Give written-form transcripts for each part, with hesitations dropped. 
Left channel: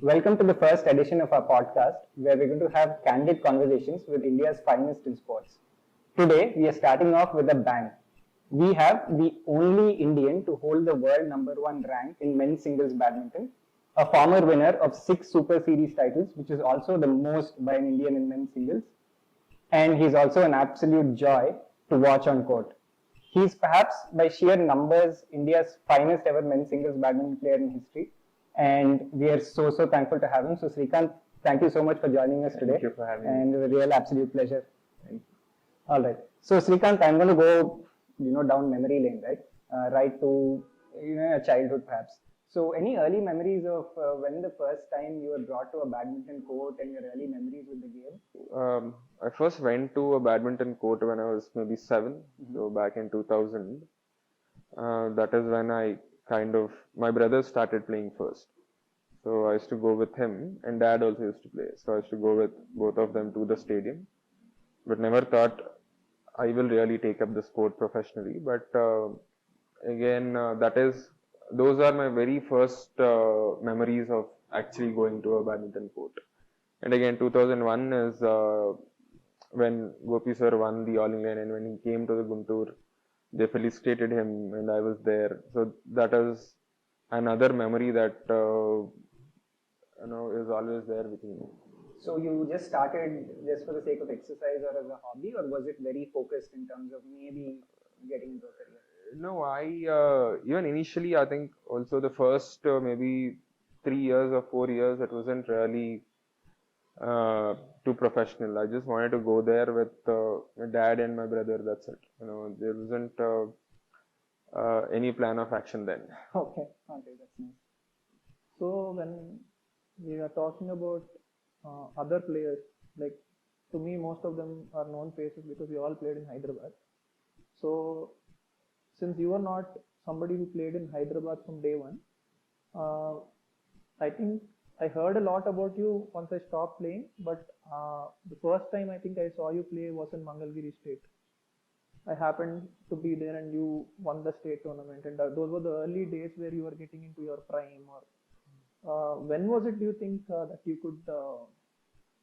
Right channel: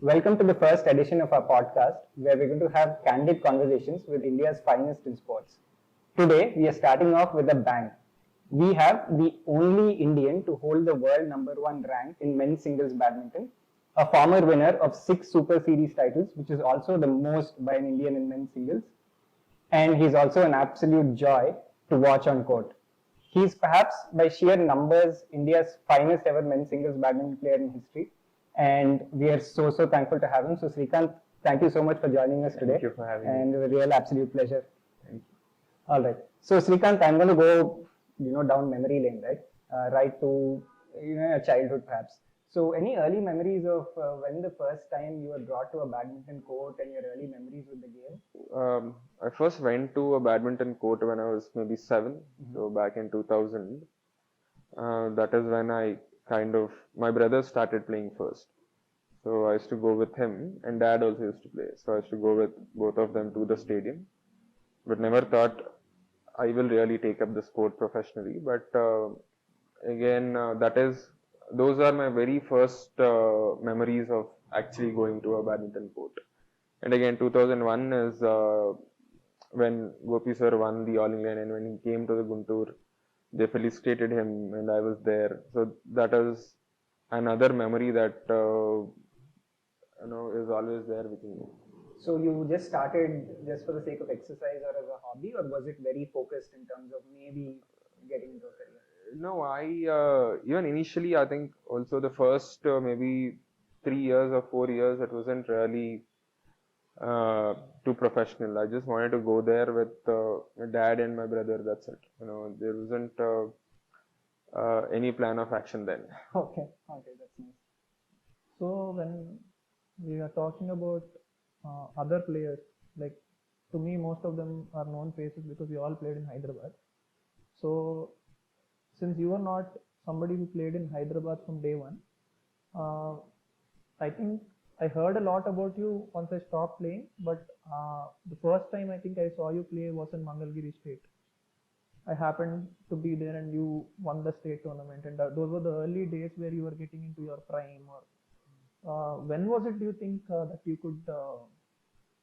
Welcome to the first edition of our podcast, where we're going to have candid conversations with India's finest in sports. Today, we are starting off with a bang. We have the only Indian to hold the world number one rank in men's singles badminton, a former winner of 6 Super Series titles, which is also the most by an Indian in men's singles, and he's also an absolute joy to watch on court. He's perhaps, by sheer numbers, India's finest ever men's singles badminton player in history, and we are so thankful to have him. So Srikanth, thank you so much for joining us today. Thank you for having me. And a real absolute pleasure. All right. So Srikanth, I'm going to go, down memory lane, right? Right to a childhood perhaps. So any early memories of when the first time you were brought to a badminton court and your early memories with the game? I first went to a badminton court when I was maybe 7, so back in 2000. That is when my brother started playing first. So I used to go with him, and dad also used to play. So I used to go with both of them to the stadium, but never thought I will really take up the sport professionally. But those are my very first memories of actually going to a badminton court. And again, 2001 is when Gopi sir won the All England, and when he came to the Guntur, they felicitated him, and I was there. So that is another memory that is always there with me. So you just started just for the sake of exercise or as a hobby, or was it very focused in terms of maybe getting into a career? No, even initially, I think also the first maybe 3 years or 4 years, it wasn't really too professional. I just wanted to go there with my dad and my brother. That's it. There wasn't any plan of action then. Okay, that's nice. So when we are talking about other players, like to me, most of them are known faces because we all played in Hyderabad. So since you are not somebody who played in Hyderabad from day one, I think I heard a lot about you once I stopped playing, but the first time I think I saw you play was in Mangalgiri State. I happened to be there and you won the state tournament, and those were the early days where you were getting into your prime. Or when was it, do you think, that you could,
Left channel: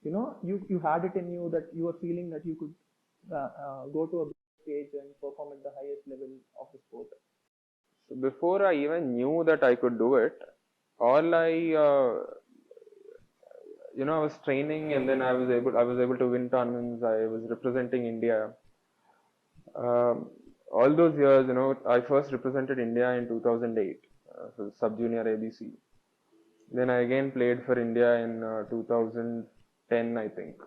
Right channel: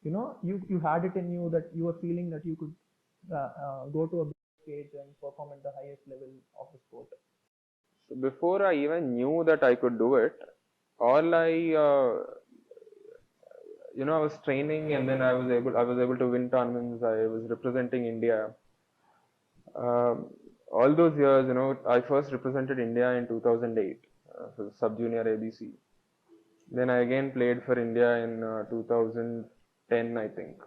you had it in you, that you were feeling that you could go to a big stage and perform at the highest level of the sport? So before I even knew that I could do it, I was training, and then I was able to win tournaments. I was representing India. All those years, I first represented India in 2008, so sub-junior ABC. Then I again played for India in 2010, I think,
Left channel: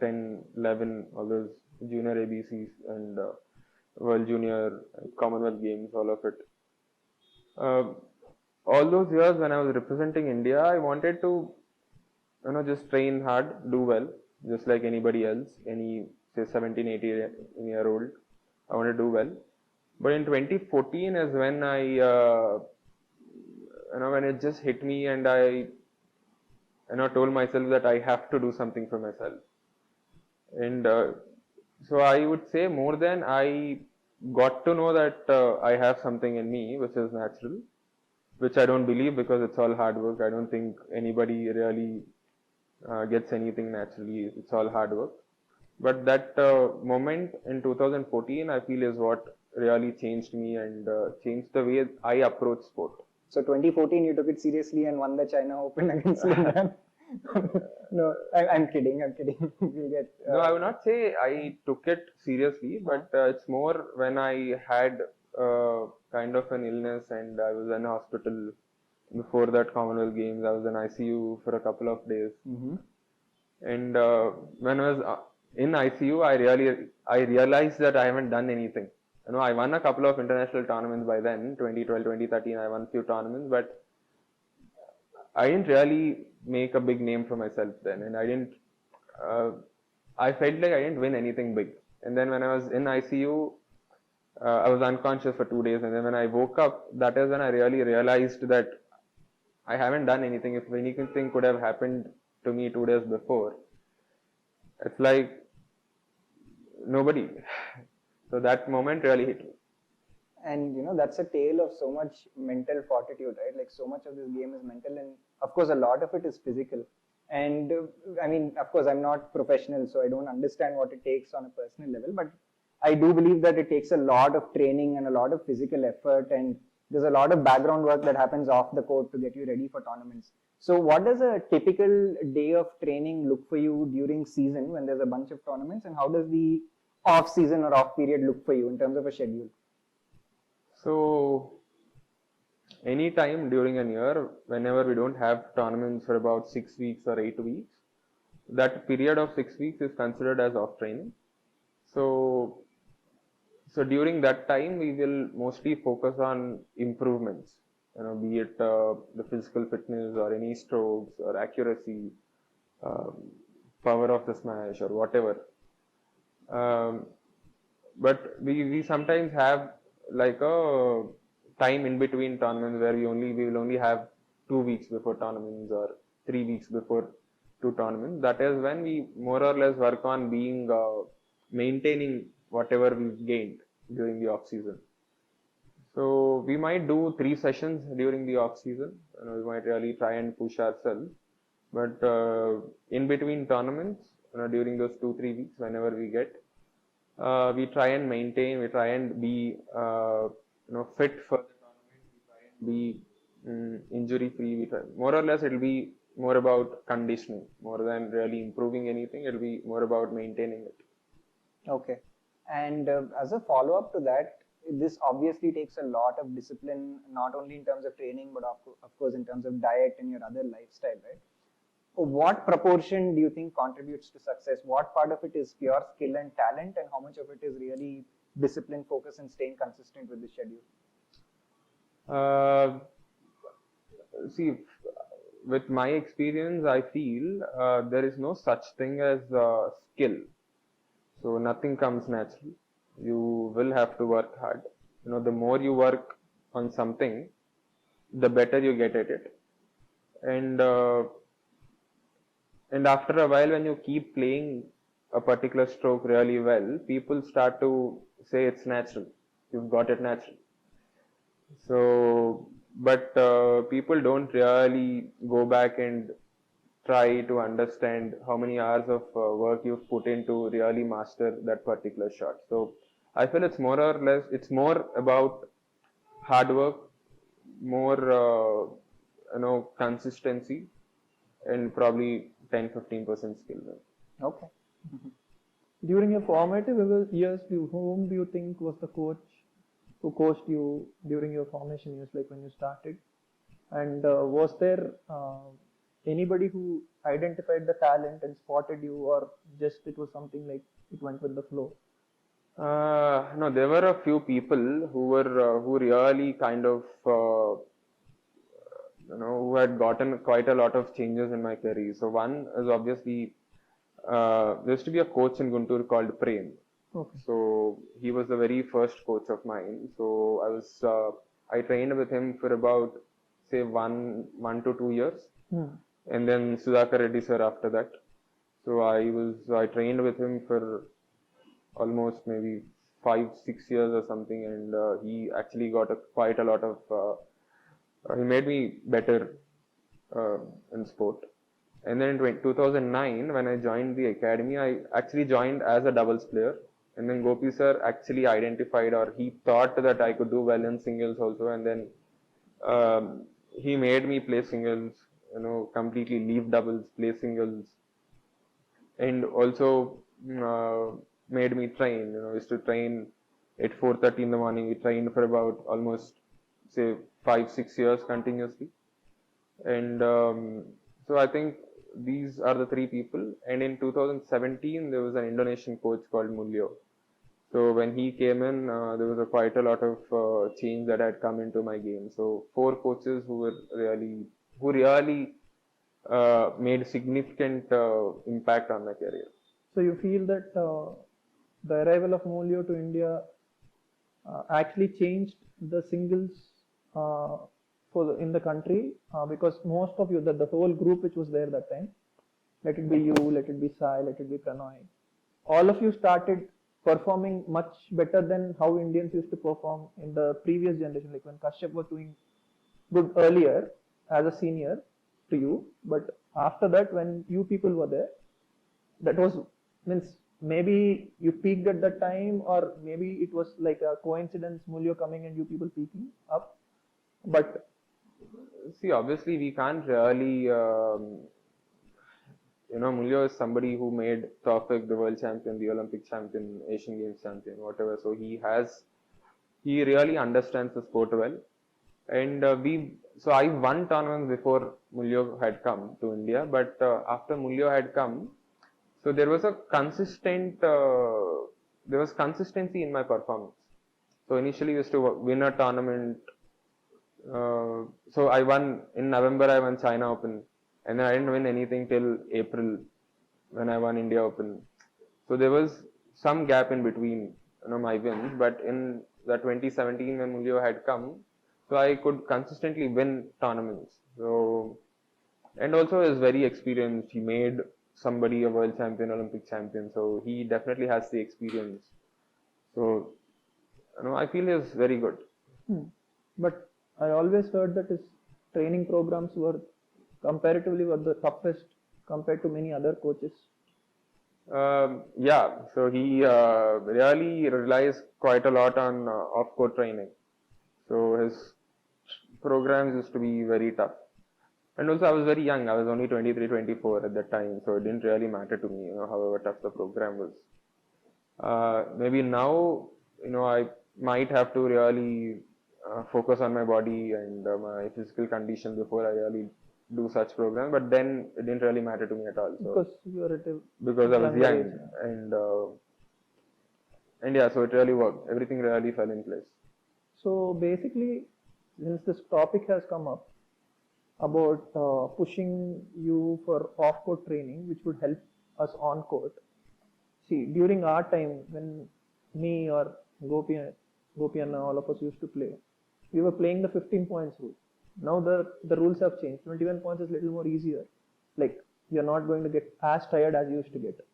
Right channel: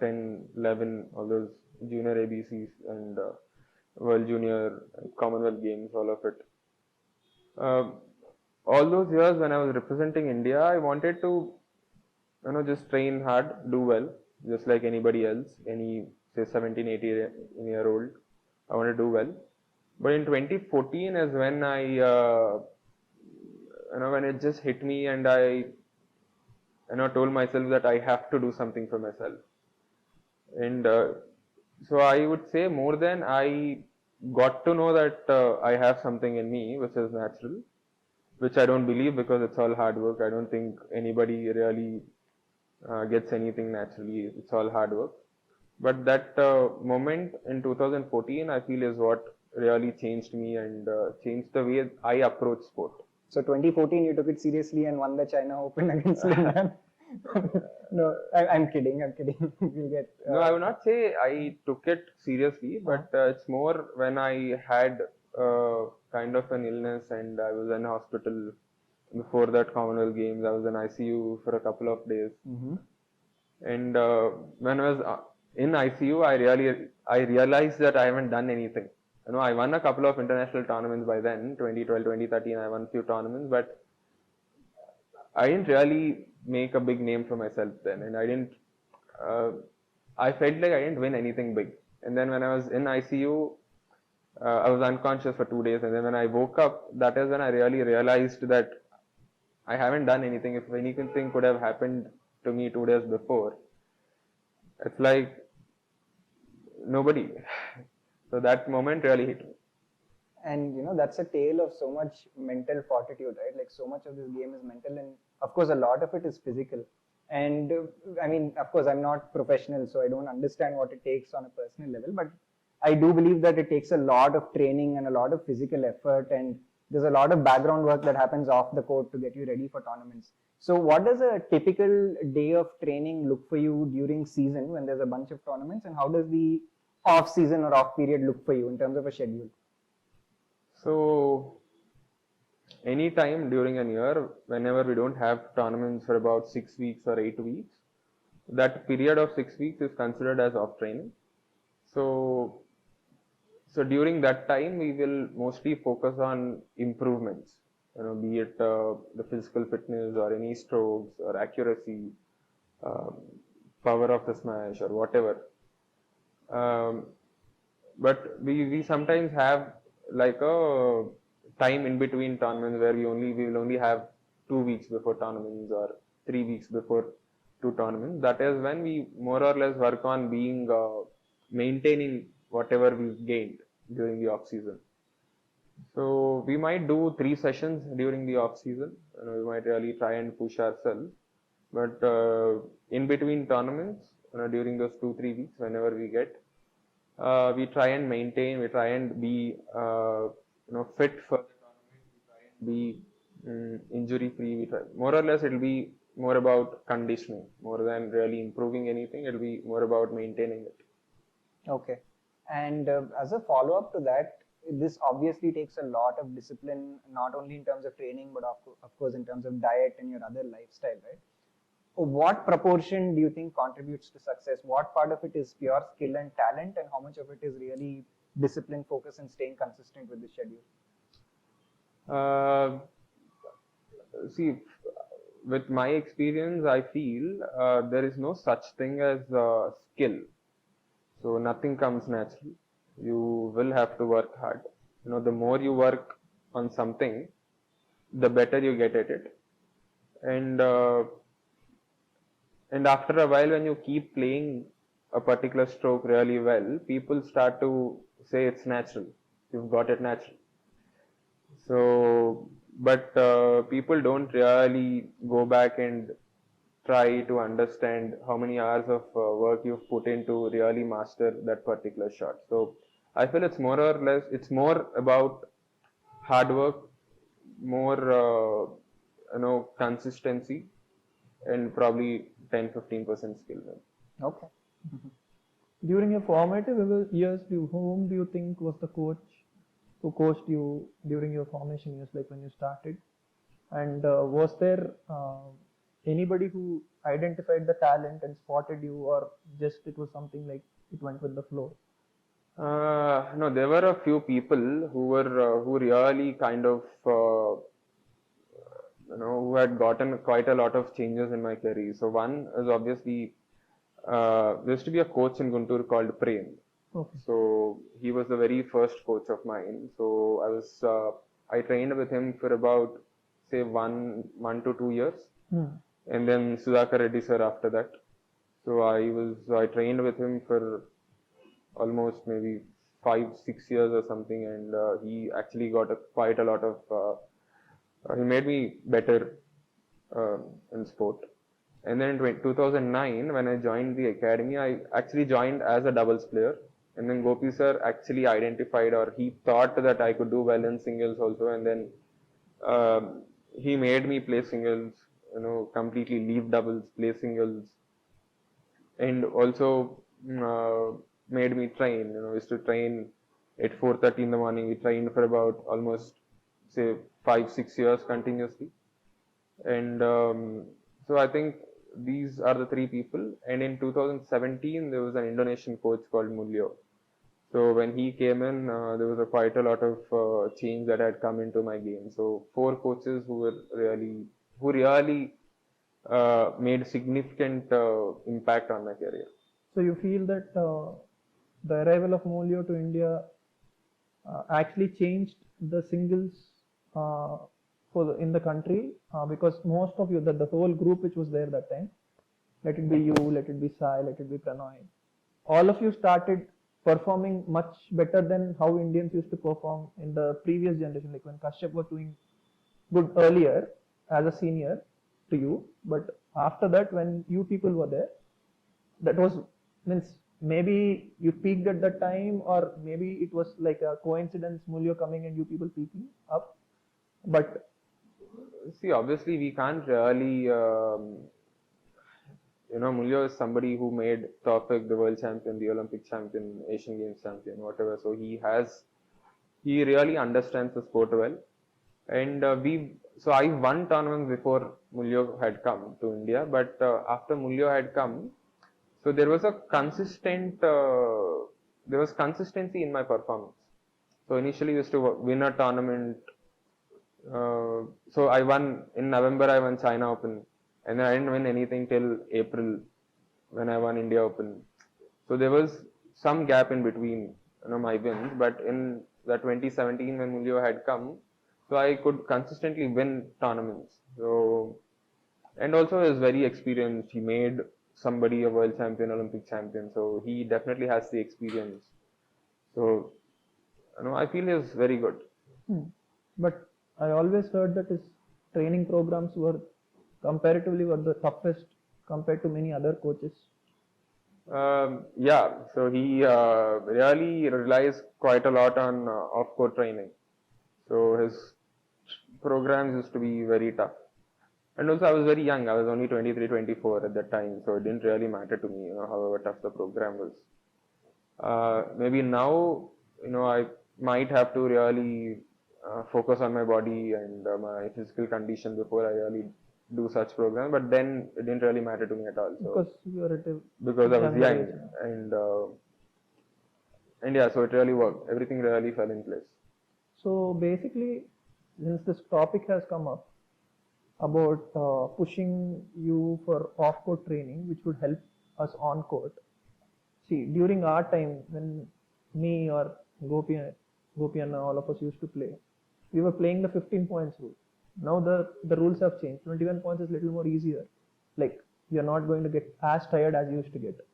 10, 11, all those junior ABCs and World Junior, Commonwealth Games, all of it. All those years when I was representing India, I wanted to, just train hard, do well, just like anybody else, any, say, 17, 18-year-old. I want to do well. But in 2014 is when when it just hit me, and I, told myself that I have to do something for myself. And so I would say more than I got to know that I have something in me which is natural, which I don't believe, because it's all hard work. I don't think anybody really gets anything naturally. It's all hard work. But that moment in 2014, I feel, is what really changed me and changed the way I approach sport. So 2014, you took it seriously and won the China Open against Lin. No, I'm kidding. We'll get, No, I would not say I took it seriously, but it's more when I had kind of an illness and I was in hospital before that Commonwealth Games. I was in ICU for a couple of days. Mm-hmm. And when I was in ICU, I realized that I haven't done anything. I won a couple of international tournaments by then, 2012, 2013, I won a few tournaments, but I didn't really make a big name for myself then, and I felt like I didn't win anything big. And then when I was in ICU, I was unconscious for 2 days, and then when I woke up, that is when I really realized that I haven't done anything. If anything could have happened to me 2 days before, it's like nobody. So that moment really hit me. And that's a tale of so much mental fortitude, right? Like so much of this game is mental, and of course a lot of it is physical. And I mean, of course, I'm not professional, so I don't understand what it takes on a personal level, but I do believe that it takes a lot of training and a lot of physical effort, and there's a lot of background work that happens off the court to get you ready for tournaments. So what does a typical day of training look for you during season when there's a bunch of tournaments, and how does the off season or off period look for you in terms of a schedule? So any time during a year, whenever we don't have tournaments for about 6 weeks or 8 weeks, that period of 6 weeks is considered as off training. So during that time, we will mostly focus on improvements, be it the physical fitness or any strokes or accuracy, um, power of the smash or whatever. But we sometimes have like a time in between tournaments where we will only have 2 weeks before tournaments or 3 weeks before two tournaments. That is when we more or less work on being maintaining whatever we've gained during the off season. So we might do 3 sessions during the off season. We might really try and push ourselves. But in between tournaments, during those 2-3 weeks, whenever we get, we try and maintain. We try and be fit for the tournament. We try and be injury free. More or less, it'll be more about conditioning more than really improving anything. It'll be more about maintaining it. Okay. And as a follow up to that, this obviously takes a lot of discipline, not only in terms of training, but of course in terms of diet and your other lifestyle, right? What proportion do you think contributes to success? What part of it is pure skill and talent, and how much of it is really discipline, focus, and staying consistent with the schedule? See, with my experience, I feel there is no such thing as skill. So nothing comes naturally. You will have to work hard. The more you work on something, the better you get at it. And after a while, when you keep playing a particular stroke really well, people start to say it's natural. You've got it naturally. So, but people don't really go back and try to understand how many hours of work you've put in to really master that particular shot. So I feel it's more or less, it's more about hard work, more consistency, and probably 10-15% skill. Okay. During your formative years, whom do you think was the coach who coached you during your formation years, like when you started? And was there anybody who identified the talent and spotted you, or just it was something like it went with the flow? No, there were a few people who really kind of who had gotten quite a lot of changes in my career. So one is obviously there used to be a coach in Guntur called Prem. Okay. So he was the very first coach of mine. So I trained with him for about say 1 to 2 years, and then Sudhakar Reddy sir after that. So I trained with him for almost maybe 5-6 years or something, and he actually got quite a lot of he made me better in sport. And then in 2009, when I joined the academy, I actually joined as a doubles player. And then Gopi sir actually identified, or he thought that I could do well in singles also. And then he made me play singles, completely leave doubles, play singles. And also made me train. I used to train at 4:30 in the morning. We trained for about almost say 5-6 years continuously. And so I think these are the three people. And in 2017, there was an Indonesian coach called Mulyo. So when he came in, there was quite a lot of change that had come into my game. So 4 coaches who really made significant impact on my career. So you feel that the arrival of Mulyo to India actually changed the singles in the country, because most of you, the whole group which was there that time, let it be you, let it be Sai, let it be Pranoy, all of you started performing much better than how Indians used to perform in the previous generation, like when Kashyap was doing good earlier as a senior to you, but after that, when you people were there, that was means maybe you peaked at that time, or maybe it was like a coincidence, Mulyo coming and you people peaking up. But See, obviously, we can't really. Mulyo is somebody who made Tawfiq the world champion, the Olympic champion, Asian Games champion, whatever. So he really understands the sport well. And so I won tournaments before Mulyo had come to India, but after Mulyo had come, so there was consistency in my performance. So initially, I used to win a tournament. So I won in November. I won China Open, and then I didn't win anything till April when I won India Open. So there was some gap in between, my wins. But in the 2017 when Mulyo had come, so I could consistently win tournaments. So, and also is very experienced. He made somebody a world champion, Olympic champion. So he definitely has the experience. So, I feel he's very good. But I always heard that his training programs were comparatively the toughest compared to many other coaches. Yeah, so he really relies quite a lot on off-court training. So his programs used to be very tough. And also I was very young. I was only 23, 24 at that time. So it didn't really matter to me, however tough the program was. Maybe now, I might have to really focus on my body and my physical condition before I really do such program. But then it didn't really matter to me at all. So because you were at a because I was younger young, age. and yeah, so it really worked. Everything really fell in place. So basically, since this topic has come up about pushing you for off-court training, which would help us on-court. See, during our time, when me or Gopi and all of us used to play, we were playing the 15 points rule. Now the rules have changed. 21 points is a little more easier. Like, you're not going to get as tired as you used to get.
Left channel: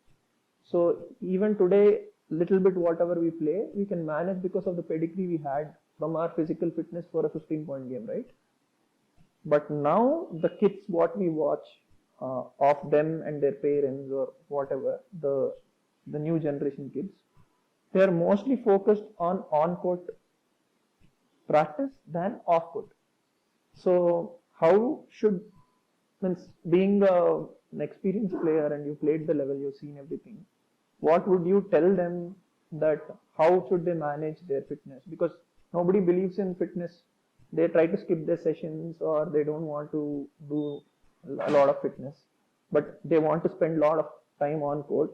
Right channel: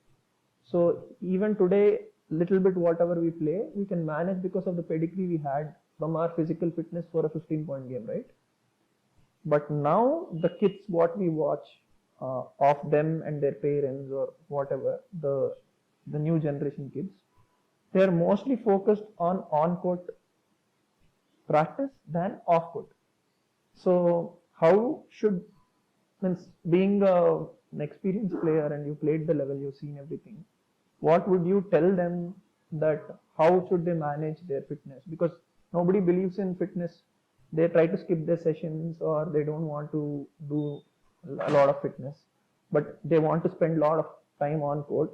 So even today, little bit whatever we play, we can manage because of the pedigree we had from our physical fitness for a 15-point game, right? But now the kids, what we watch of them and their parents or whatever, the new generation kids, they are mostly focused on-court practice than off-court. So how should, means being an experienced player and you played the level, you've seen everything, what would you tell them that how should they manage their fitness? Because nobody believes in fitness. They try to skip their sessions or they don't want to do a lot of fitness, but they want to spend a lot of time on court.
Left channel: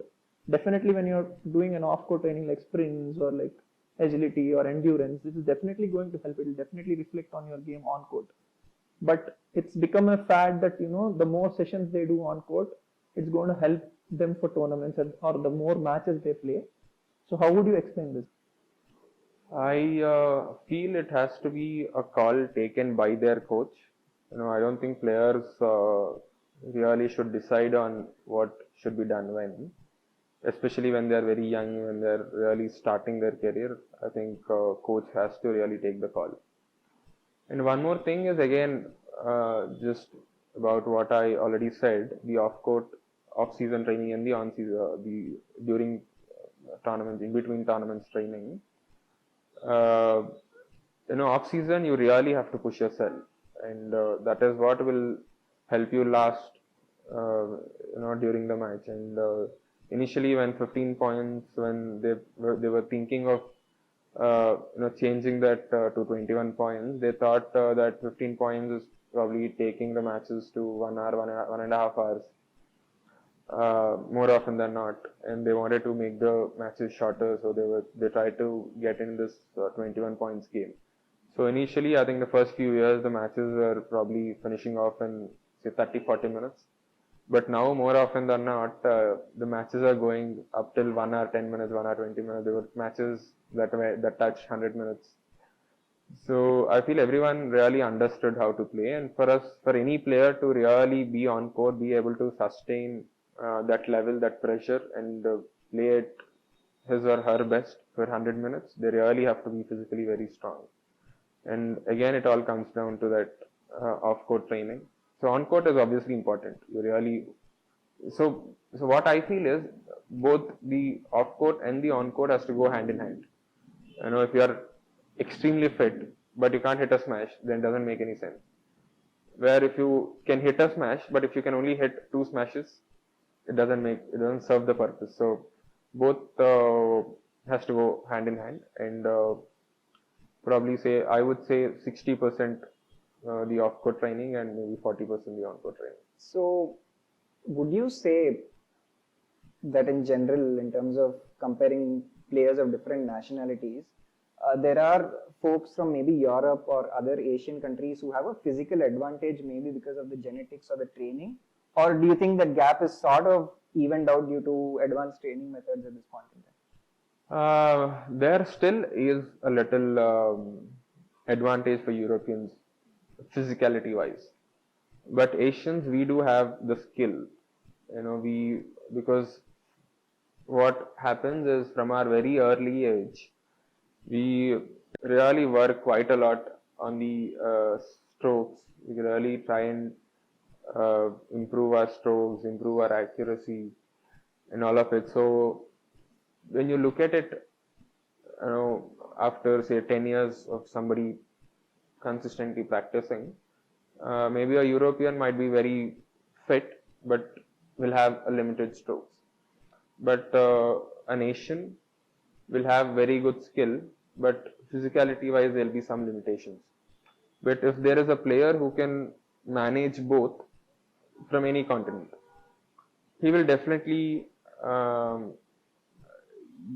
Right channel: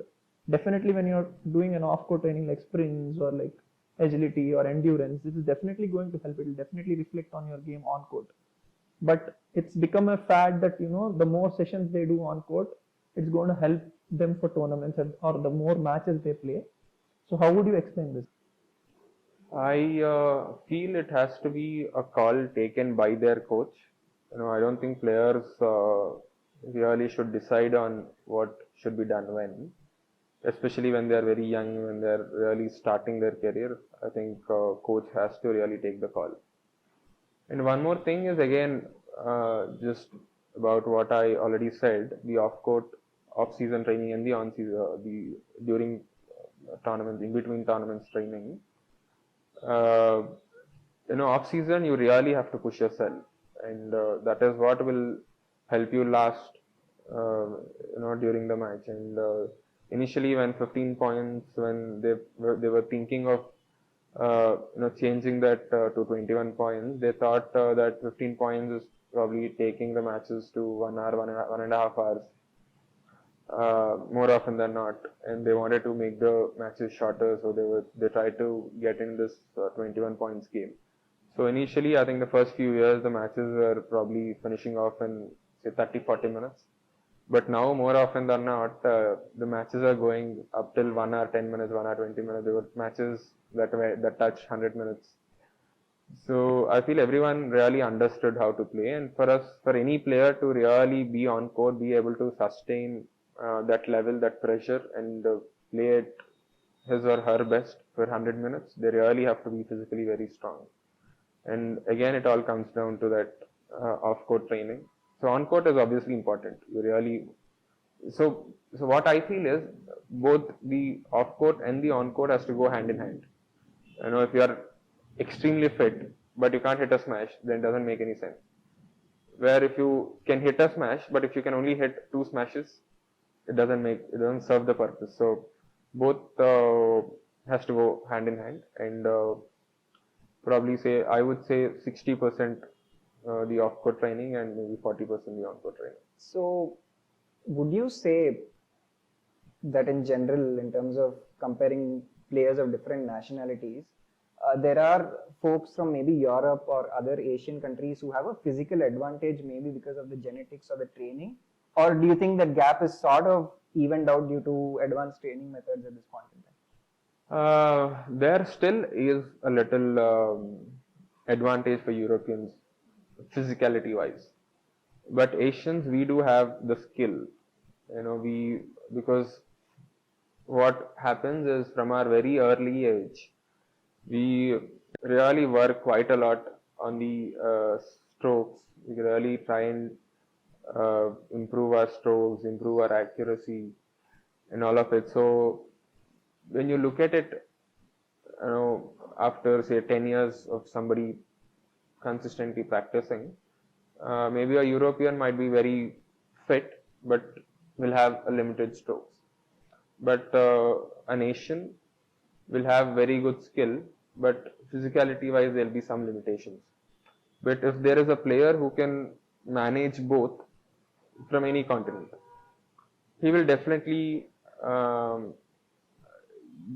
Definitely when you're doing an off-court training like sprints or like agility or endurance, this is definitely going to help. It will definitely reflect on your game on court. But it's become a fad that, the more sessions they do on court, it's going to help them for tournaments or the more matches they play. So how would you explain this? I feel it has to be a call taken by their coach. I don't think players really should decide on what should be done when, especially when they're very young, when they're really starting their career. I think coach has to really take the call. And one more thing is again, just about what I already said, the off-season training and the on-season, during tournaments, in between tournaments training. Off-season you really have to push yourself, and that is what will help you last, during the match. And initially, when 15 points, when they were thinking of changing that to 21 points, they thought that 15 points is probably taking the matches to 1 hour, 1.5 hours. More often than not, and they wanted to make the matches shorter, so they tried to get in this 21 points game. So initially, I think the first few years the matches were probably finishing off in say 30-40 minutes, but now more often than not the matches are going up till 1 hour 10 minutes, 1 hour 20 minutes. There were matches that touched 100 minutes. So I feel everyone really understood how to play, and for any player to really be on court, be able to sustain that level, that pressure, and play it his or her best for 100 minutes, they really have to be physically very strong. And again, it all comes down to that off-court training. So on-court is obviously important. You really so what I feel is both the off-court and the on-court has to go hand in hand. You know, if you are extremely fit but you can't hit a smash, then it doesn't make any sense. Where if you can hit a smash, but if you can only hit 2 smashes, it doesn't serve the purpose. So both has to go hand in hand, and probably say I would say 60% the off-court training and maybe 40% the on-court training. So, would you say that in general, in terms of comparing players of different nationalities, there are folks from maybe Europe or other Asian countries who have a physical advantage, maybe because of the genetics or the training? Or do you think that gap is sort of evened out due to advanced training methods at this point in time? There still is a little advantage for Europeans, physicality wise. But Asians, we do have the skill. You know, because what happens is from our very early age, we really work quite a lot on the strokes. We really try and improve our strokes, improve our accuracy, and all of it. So when you look at it, you know, after say 10 years of somebody consistently practicing, maybe a European might be very fit, but will have a limited strokes. But an Asian will have very good skill, but physicality wise there will be some limitations. But if there is a player who can manage both from any continent, he will definitely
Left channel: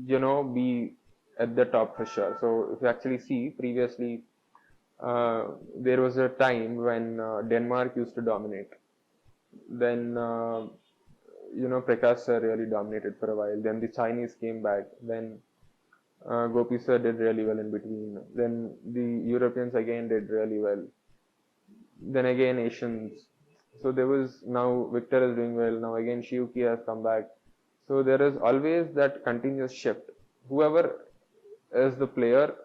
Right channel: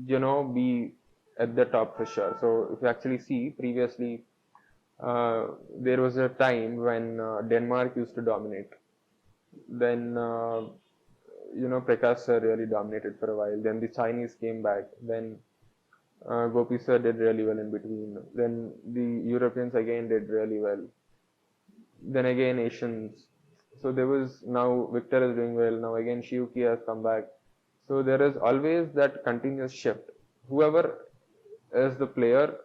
be at the top for sure. So if you actually see previously, there was a time when Denmark used to dominate. Then Prakash sir really dominated for a while. Then the Chinese came back. Then Gopi sir did really well in between. Then the Europeans again did really well. Then again Asians. So there was, now Victor is doing well. Now again Shiuki has come back. So there is always that continuous shift. Whoever is the player,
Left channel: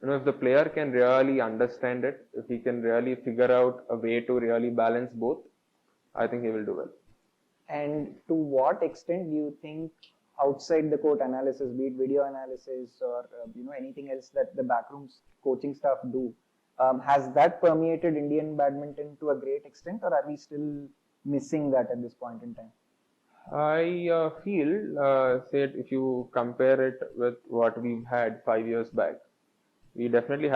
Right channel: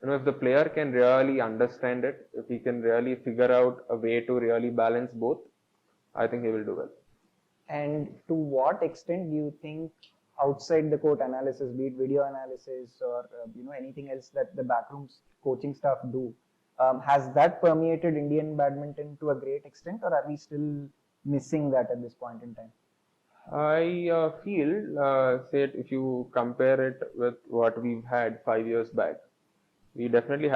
if the player can really understand it, if he can really figure out a way to really balance both, I think he will do well. And to what extent do you think outside the court analysis, be it video analysis or anything else that the backroom coaching staff do, has that permeated Indian badminton to a great extent, or are we still missing that at this point in time? I feel, say if you compare it with what we've had 5 years back, we've definitely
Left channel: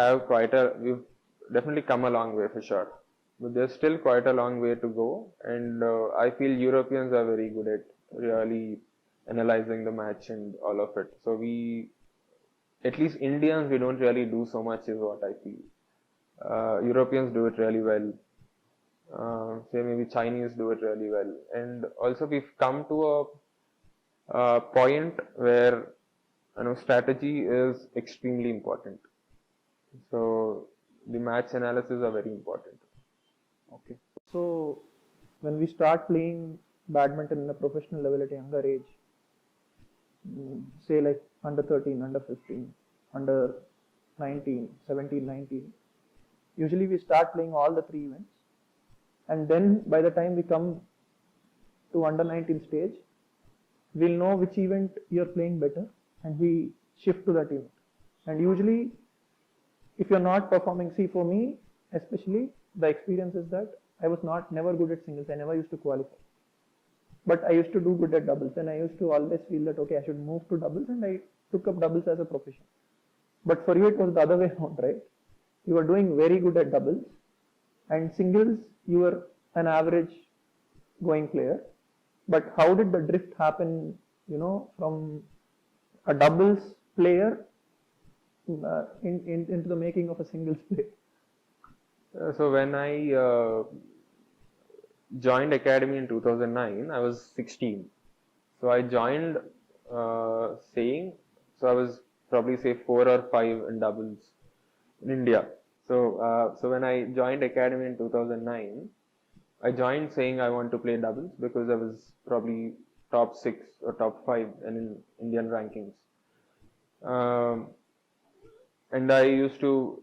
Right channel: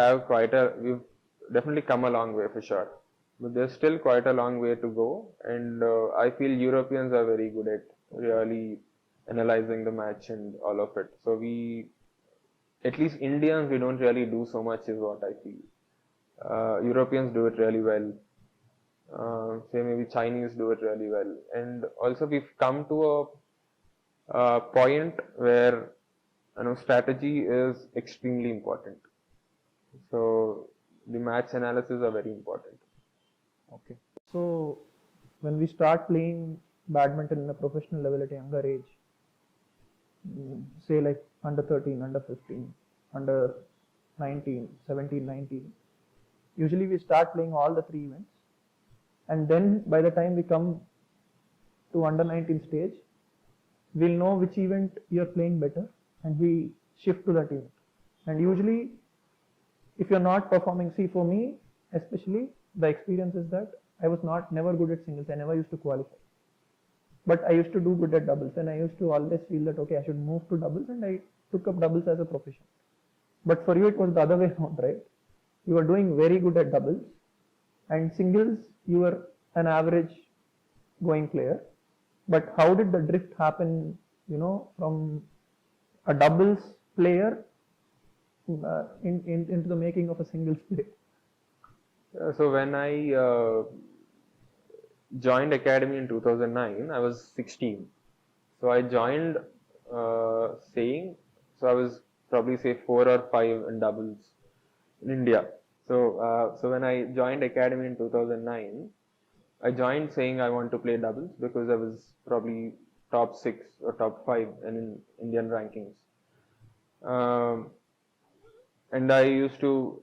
come a long way for sure. But there's still quite a long way to go, and I feel Europeans are very good at really analyzing the match and all of it. So at least Indians, we don't really do so much is what I feel. Europeans do it really well. Say maybe Chinese do it really well. And also we've come to a point where strategy is extremely important. So the match analysis are very important. Okay. So when we start playing badminton in a professional level at a younger age, say like under 13, under 15, under 19, 17, 19, usually we start playing all the 3 events. And then by the time we come to under 19 stage, we'll know which event you're playing better and we shift to that event. And usually if you're not performing, see for me especially, the experience is that I was never good at singles. I never used to qualify. But I used to do good at doubles, and I used to always feel that okay, I should move to doubles, and I took up doubles as a profession. But for you it was the other way around, right? You were doing very good at doubles, and singles you were an average going player. But how did the drift happen, from a doubles player into the making of a singles player? So when I joined academy in 2009, I was 16. So I joined so I was probably say 4 or 5 in doubles in India. So when I joined academy in 2009, I joined saying I want to play doubles because I was probably top 6 or top 5 in Indian rankings. Um, and I used to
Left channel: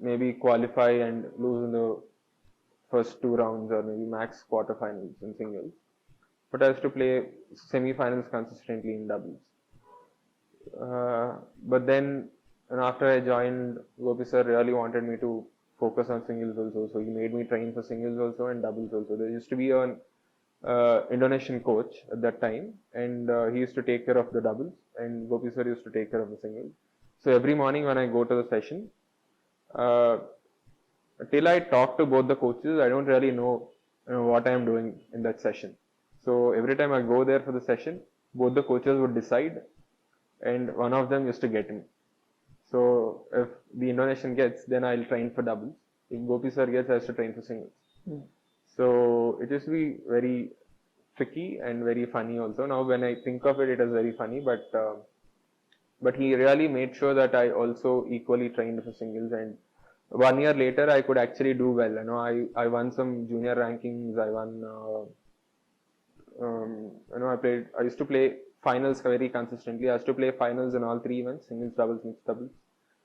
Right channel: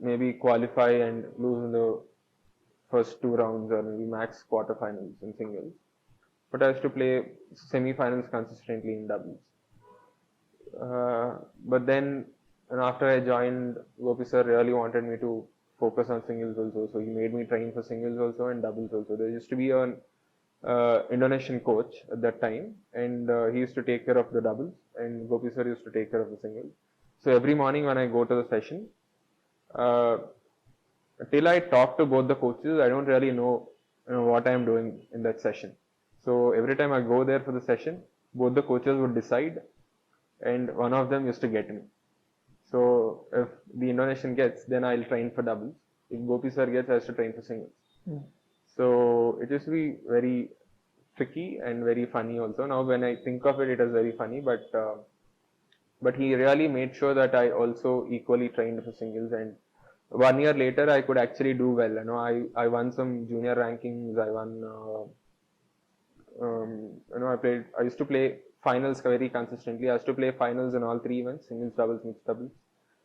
maybe qualify and lose in the first 2 rounds or maybe max quarterfinals in singles. But I used to play semi-finals consistently in doubles. But then, and after I joined, Gopi sir really wanted me to focus on singles also. So he made me train for singles also and doubles also. There used to be an Indonesian coach at that time, and he used to take care of the doubles, and Gopi sir used to take care of the singles. So every morning when I go to the session, uh, till I talk to both the coaches, I don't really know, what I am doing in that session. So every time I go there for the session, both the coaches would decide, and one of them used to get me. So if the Indonesian gets, then I'll train for doubles. If Gopi sir gets, I have to train for singles. So it used to be very tricky and very funny also. Now when I think of it, it is very funny, but he really made sure that I also equally trained for singles, and 1 year later I could actually do well. I won some junior rankings. I won. I used to play finals very consistently. I used to play finals in all 3 events: singles, doubles, mixed doubles.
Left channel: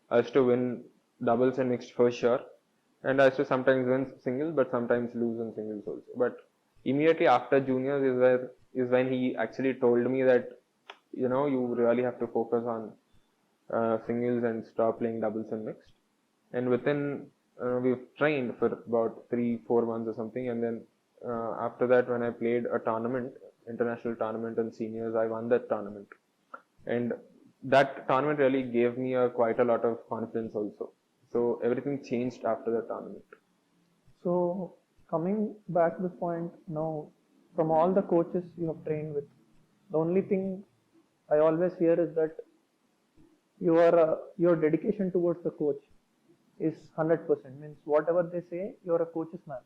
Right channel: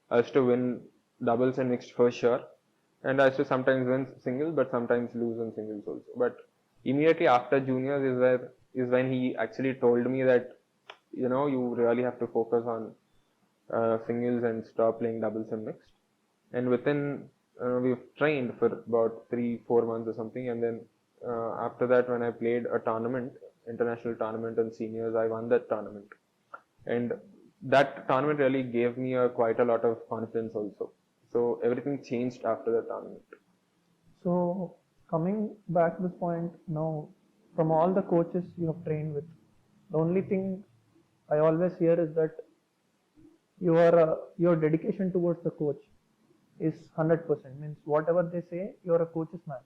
I used to win doubles and mixed for sure, and I used to sometimes win singles, but sometimes lose in singles also. But immediately after juniors is when he actually told me that you really have to focus on singles and stop playing doubles and mixed. And within we've trained for about 3-4 months or something, and then after that, when I played a tournament, international tournament in seniors, I won that tournament, and that tournament really gave me quite a lot of confidence also. So everything changed after the tournament. So coming back to this point now, from all the coaches you have trained with, the only thing I always hear is that your dedication towards the coach is 100%. Means whatever they say, you're a coach's man.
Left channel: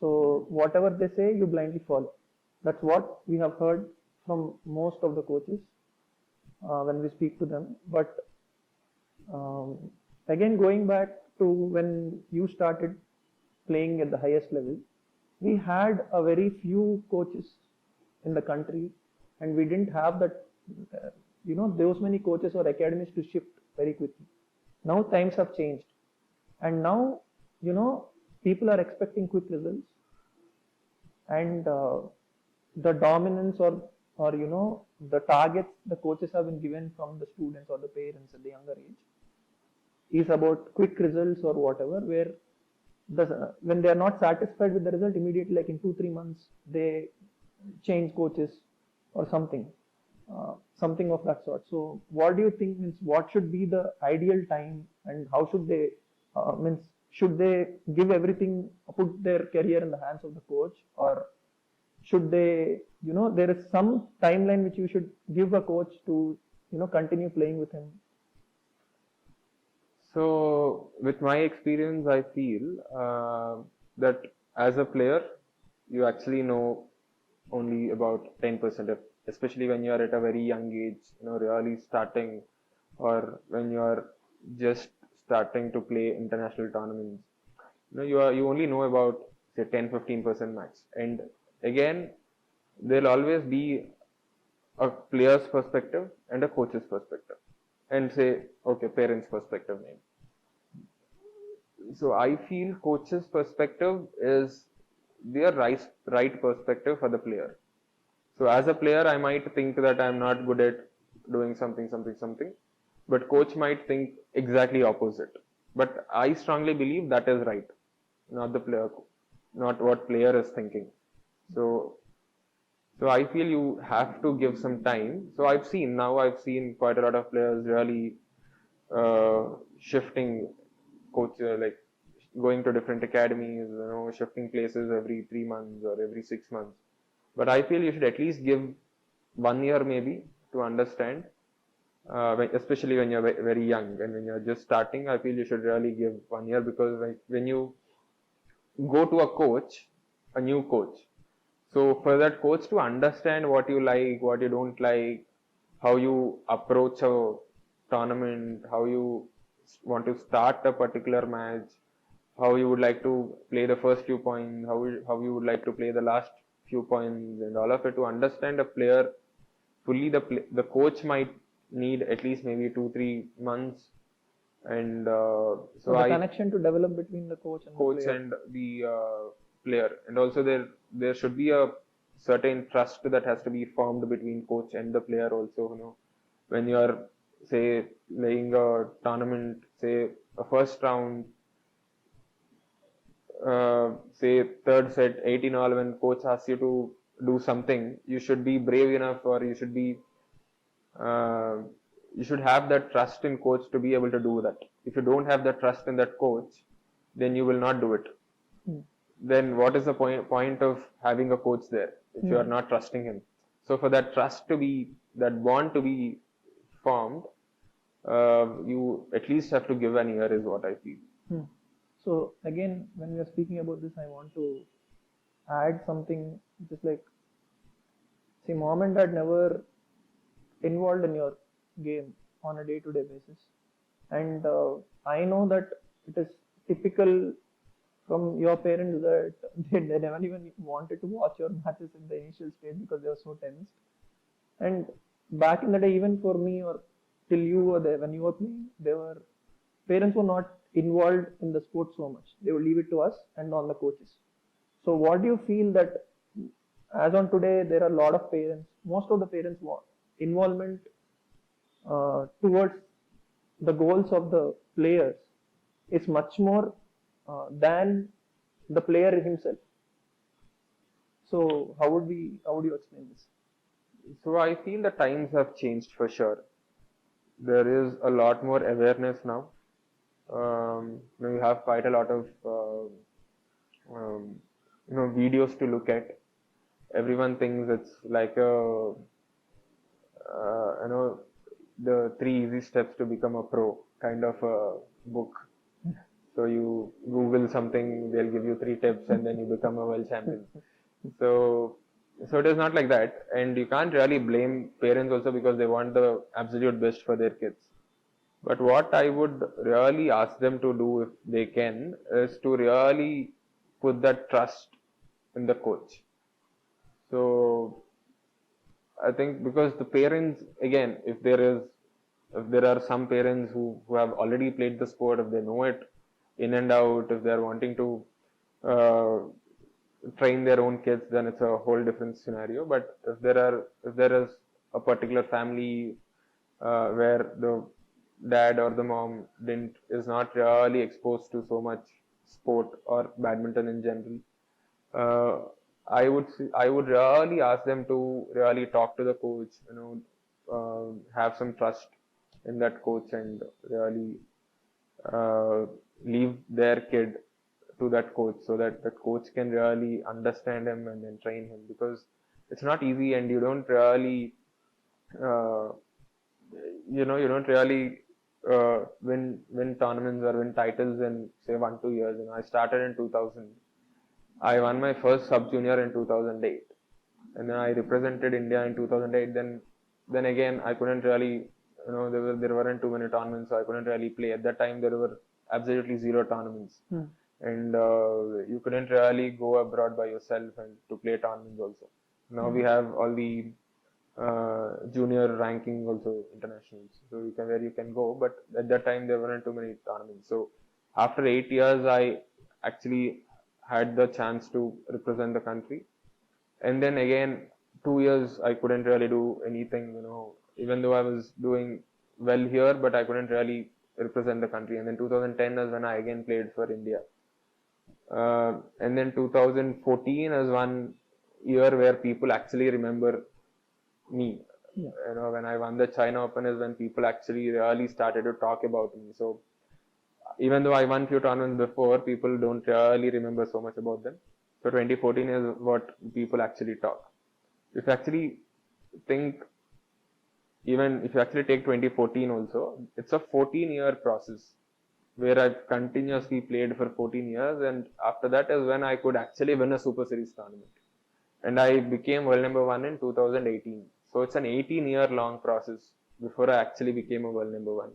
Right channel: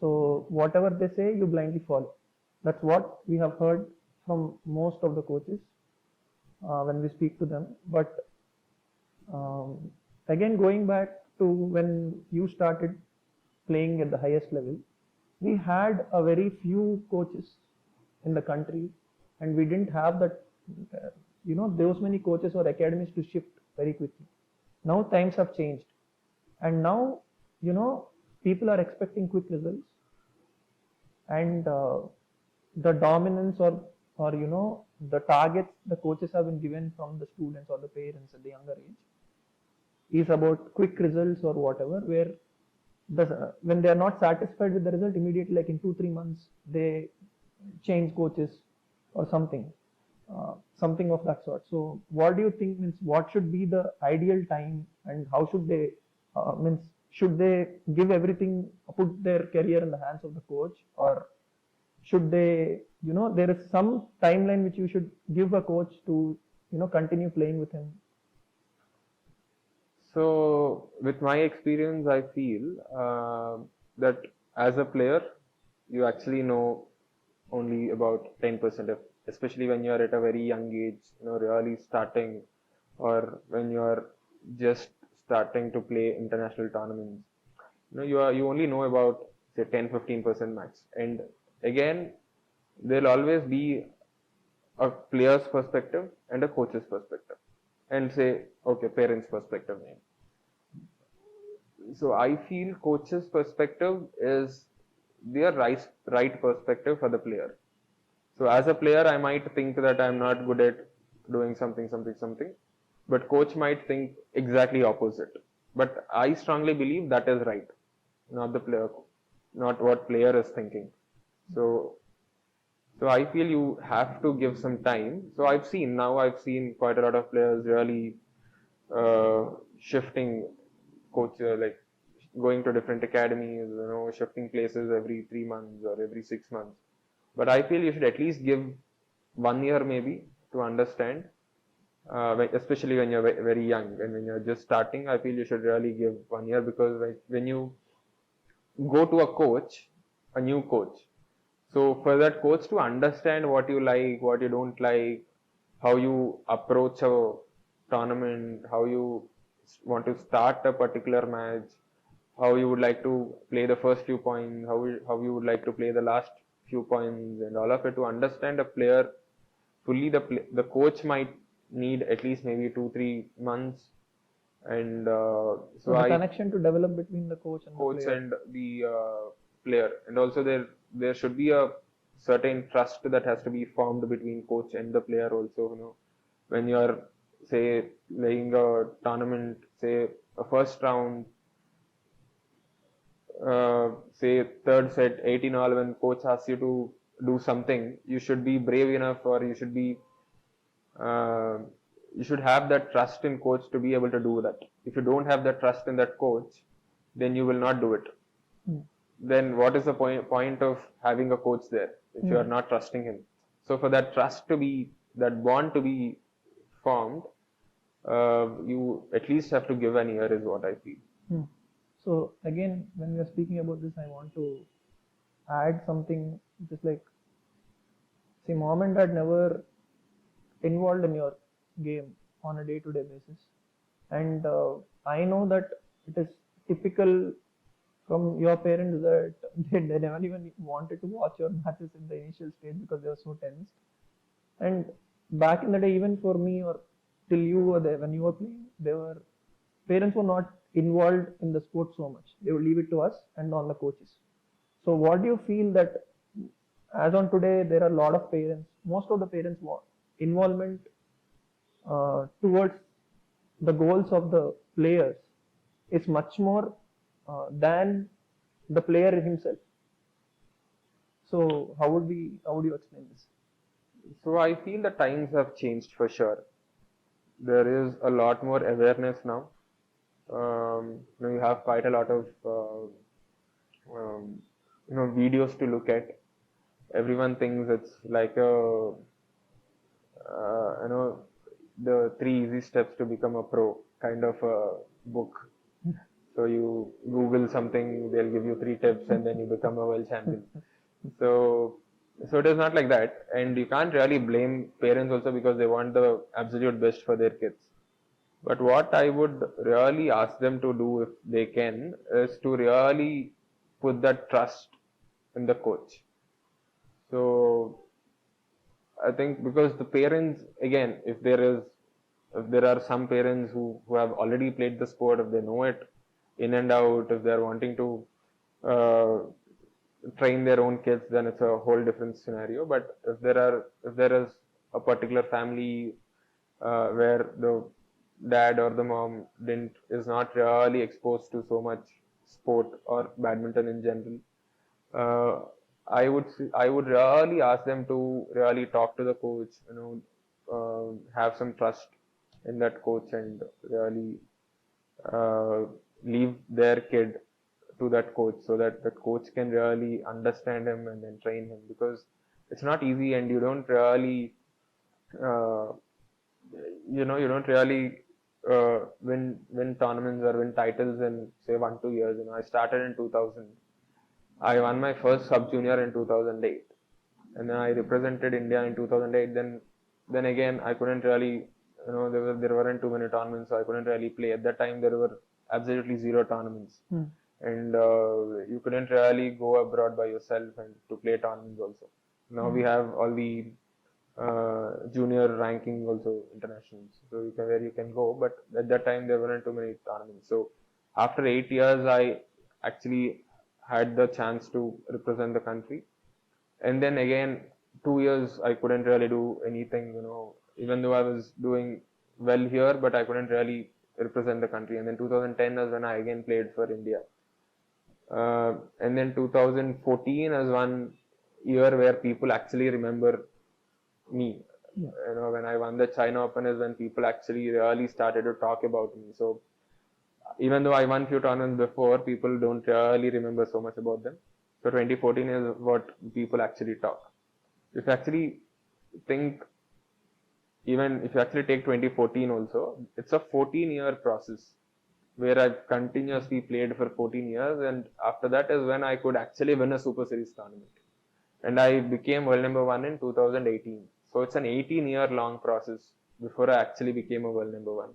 So whatever they say, you blindly follow. That's what we have heard from most of the coaches when we speak to them. But again, going back to when you started playing at the highest level, we had a very few coaches in the country, and we didn't have that, those many coaches or academies to shift very quickly. Now times have changed, and now, people are expecting quick results, and the dominance or the targets the coaches have been given from the students or the parents at the younger age is about quick results or whatever, where when they are not satisfied with the result, immediately, like in 2-3 months, they change coaches or something of that sort. So what do you think, means what should be the ideal time, and how should they should they give everything, put their career in the hands of the coach, or should they, there is some timeline which you should give a coach to continue playing with him? So with my experience, I feel that as a player, you actually know only about 10%, especially when you are at a very young age, really starting, or when you are just starting to play international tournaments. You only know about, say, 10-15% max. And again, there'll always be a player's perspective and a coach's perspective, and say, okay, parents' perspective maybe. So I feel coach's perspective is their right perspective for the player. So as a player, I might think that I'm not good at doing something, but coach might think exactly opposite. But I strongly believe that is right, not the player, not what player is thinking. So I feel you have to give some time. So I've seen quite a lot of players really shifting coach, like going to different academies, shifting places every 3 months or every 6 months. But I feel you should at least give 1 year maybe to understand, especially when you're very young and when you're just starting. I feel you should really give 1 year, because when you go to a new coach, so for that coach to understand what you like, what you don't like, how you approach a tournament, how you want to start a particular match, how you would like to play the first few points, how you would like to play the last few points, and all of it, to understand a player fully, the coach might need at least maybe 2-3 months, and So the connection to develop between the coach and the coach player. and the player, and also there should be a certain trust that has to be formed between coach and the player also. When you are, say, playing a tournament, say a first round, say third set 18 all, when coach asks you to do something, you should be brave enough, or uh, you should have that trust in coach to be able to do that. If you don't have the trust in that coach, then you will not do it. Then what is the point of having a coach there if you are not trusting him? So for that trust to be, that bond to be formed, you at least have to give an year, is what I feel. So again, when we are speaking about this, I want to add something which is like, see, mom and dad never involved in your game on a day-to-day basis, and I know that it is typical from your parents that they never even wanted to watch your matches in the initial stage because they were so tensed. And back in the day, even for me, or till you were there, when you were playing, parents were not involved in the sport so much. They would leave it to us and on the coaches. So what do you feel that, as on today, there are a lot of parents, most of the parents want involvement towards the goals of the players is much more than the player himself. So how would you explain this? So I feel the times have changed for sure. There is a lot more awareness now. We have quite a lot of videos to look at. Everyone thinks it's like a the 3 easy steps to become a pro kind of a book. So you Google something, they'll give you 3 tips, and then you become a world champion. So it is not like that, and you can't really blame parents also, because they want the absolute best for their kids. But what I would really ask them to do, if they can, is to really put that trust in the coach. So I think, because the parents, again, if there are some parents who have already played the sport, if they know it in and out, if they are wanting to train their own kids, then it's a whole different scenario. But if there is a particular family where the dad or the mom is not really exposed to so much sport or badminton in general, I would really ask them to really talk to the coach, have some trust in that coach, and really leave their kid to that coach, so that the coach can really understand him and then train him, because it's not easy, and you don't really win tournaments or win titles in, say, 1-2 years. I started in 2000. I won my first sub junior in 2008, and then I represented India in 2008. Then again, I couldn't really, there weren't too many tournaments, so I couldn't really play. At that time, there were absolutely 0 tournaments, and you couldn't really go abroad by yourself and to play tournaments also. Now we have all the junior ranking also, internationals, so where you can go. But at that time, there weren't too many tournaments. So after 8 years, I actually had the chance to represent the country. And then again, 2 years, I couldn't really do anything, even though I was doing well here, but I couldn't really represent the country. And then 2010 is when I again played for India. And then 2014 is one year where people actually remember me. When I won the China Open is when people actually really started to talk about me. So even though I won few tournaments before, people don't really remember so much about them. So 2014 is what people actually talk. If you actually think, even if you actually take 2014 also, it's a 14-year process where I've continuously played for 14 years, and after that is when I could actually win a Super Series tournament. And I became world number 1 in 2018. So it's an 18-year long process before I actually became a world number 1.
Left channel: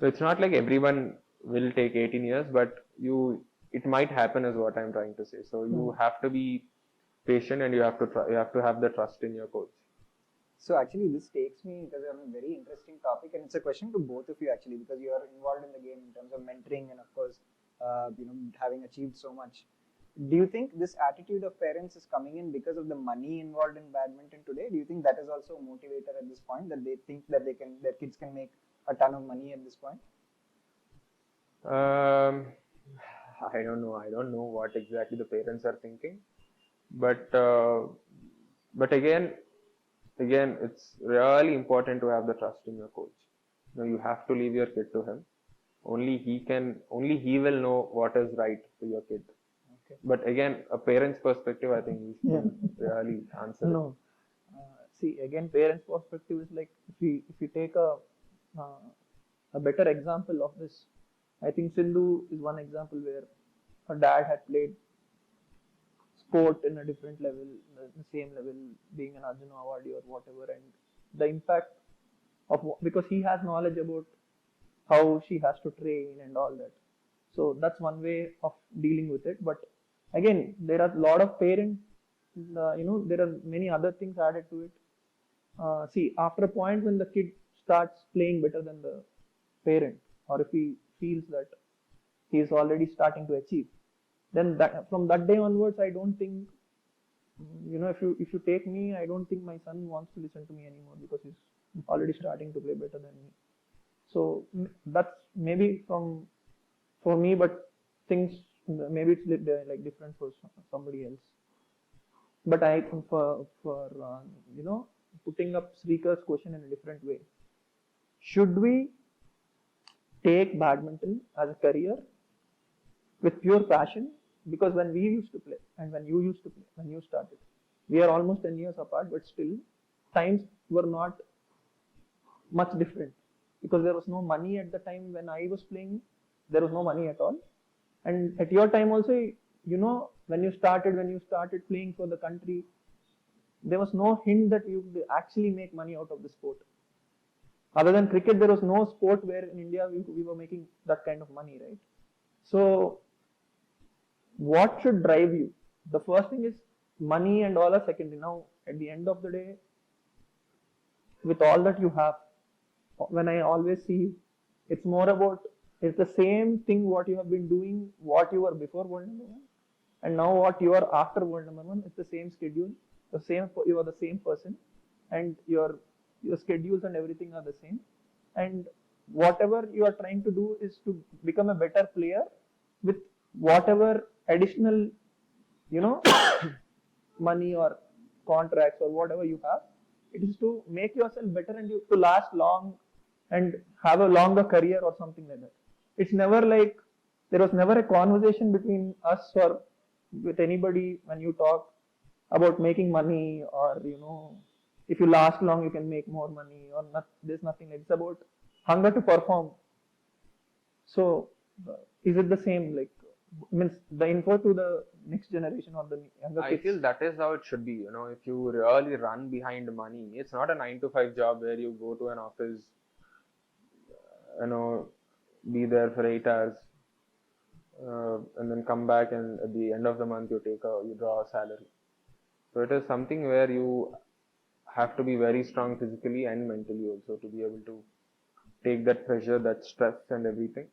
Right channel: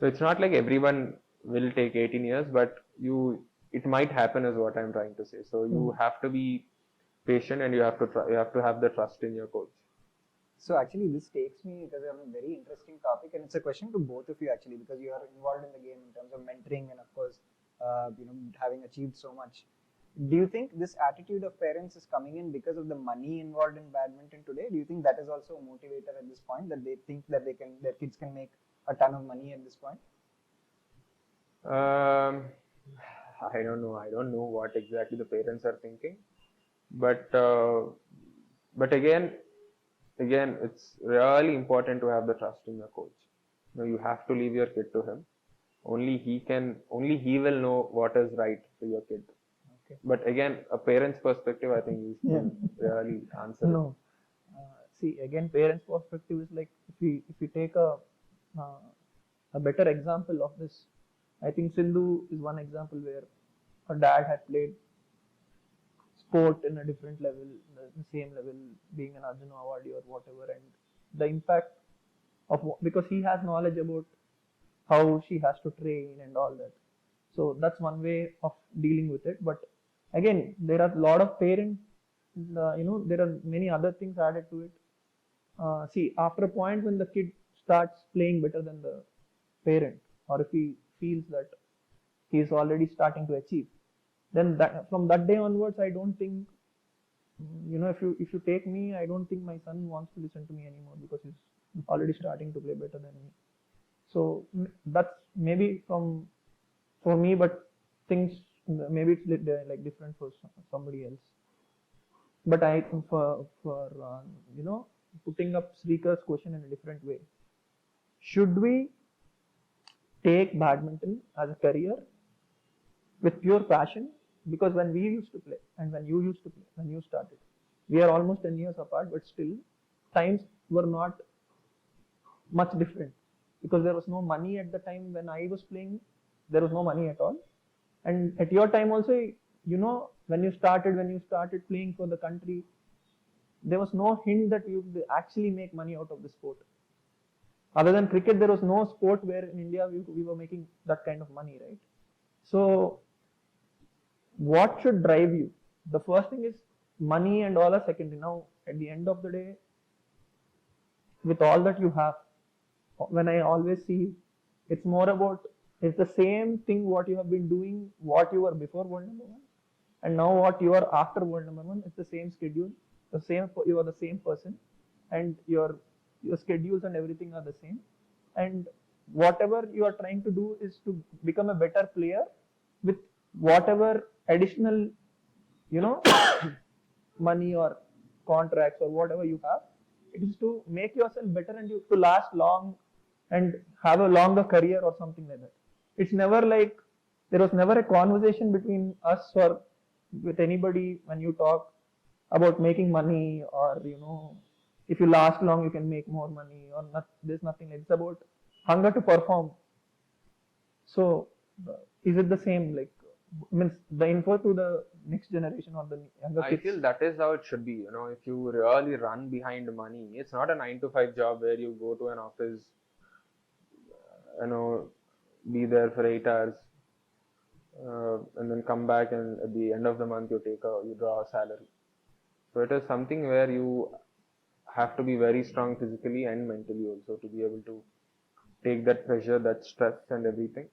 So it's not like everyone will take 18 years, but it might happen, is what I'm trying to say. So you have to be patient, and you have to have the trust in your coach. So actually, this takes me because I'm a very interesting topic, and it's a question to both of you actually, because you are involved in the game in terms of mentoring and of course, having achieved so much. Do you think this attitude of parents is coming in because of the money involved in badminton today? Do you think that is also a motivator at this point, that they think that their kids can make a ton of money at this point? Um, I don't know. I don't know what exactly the parents are thinking, but again, it's really important to have the trust in your coach. You have to leave your kid to him. Only he will know what is right for your kid. Okay. But again, a parent's perspective, I think you should really answer. No. See, again, parents' perspective is like, if you take a better example of this, I think Sindhu is one example where her dad had played sport in a different level, the same level, being an Arjuna awardee or whatever, and the impact of, because he has knowledge about how she has to train and all that. So that's one way of dealing with it. But again, there are a lot of parents, there are many other things added to it. See, after a point when the kid starts playing better than the parent, or if he feels that he is already starting to achieve, then from that day onwards, I don't think, if you take me, I don't think my son wants to listen to me anymore because he's already starting to play better than me. So that's maybe for me, but things, maybe it's like different for somebody else. But I think for putting up Srikar's question in a different way, should we take badminton as a career with pure passion? Because when we used to play and when you used to play, when you started, we are almost 10 years apart, but still times were not much different, because there was no money at the time when I was playing. There was no money at all. And at your time also, when you started playing for the country, there was no hint that you could actually make money out of the sport. Other than cricket, there was no sport where in India we were making that kind of money, right? So what should drive you? The first thing is money and all are secondary. Now, at the end of the day, with all that you have, when I always see, it's more about, it's the same thing what you have been doing, what you were before world number one, and now what you are after world number one. It's the same schedule, you are the same person, and your schedules and everything are the same. And whatever you are trying to do is to become a better player with whatever additional, money or contracts or whatever you have. It is to make yourself better and to last long and have a longer career or something like that. It's never like, there was never a conversation between us or with anybody when you talk about making money, or if you last long you can make more money, or not. There's nothing like, it's about hunger to perform. So is it the same, like, means the info to the next generation or the younger kids? I feel that is how it should be. If you really run behind money, it's not a 9 to 5 job where you go to an office, be there for 8 hours, and then come back, and at the end of the month you draw a salary. So it is something where you have to be very strong physically and mentally also to be able to take that pressure, that stress and everything.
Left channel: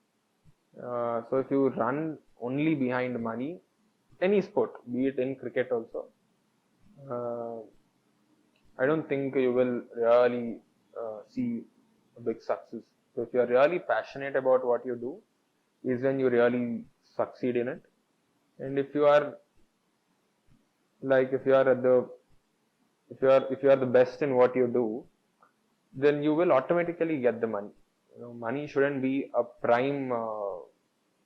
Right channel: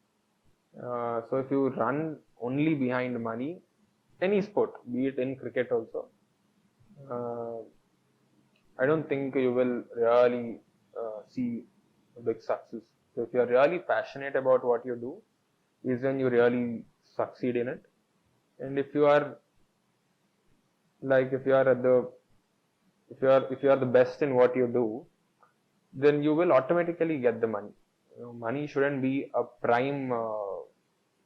So if you run only behind money, any sport, be it in cricket also, I don't think you will really see a big success. So if you are really passionate about what you do, is when you really succeed in it. And if you are the best in what you do, then you will automatically get the money. Money shouldn't be a prime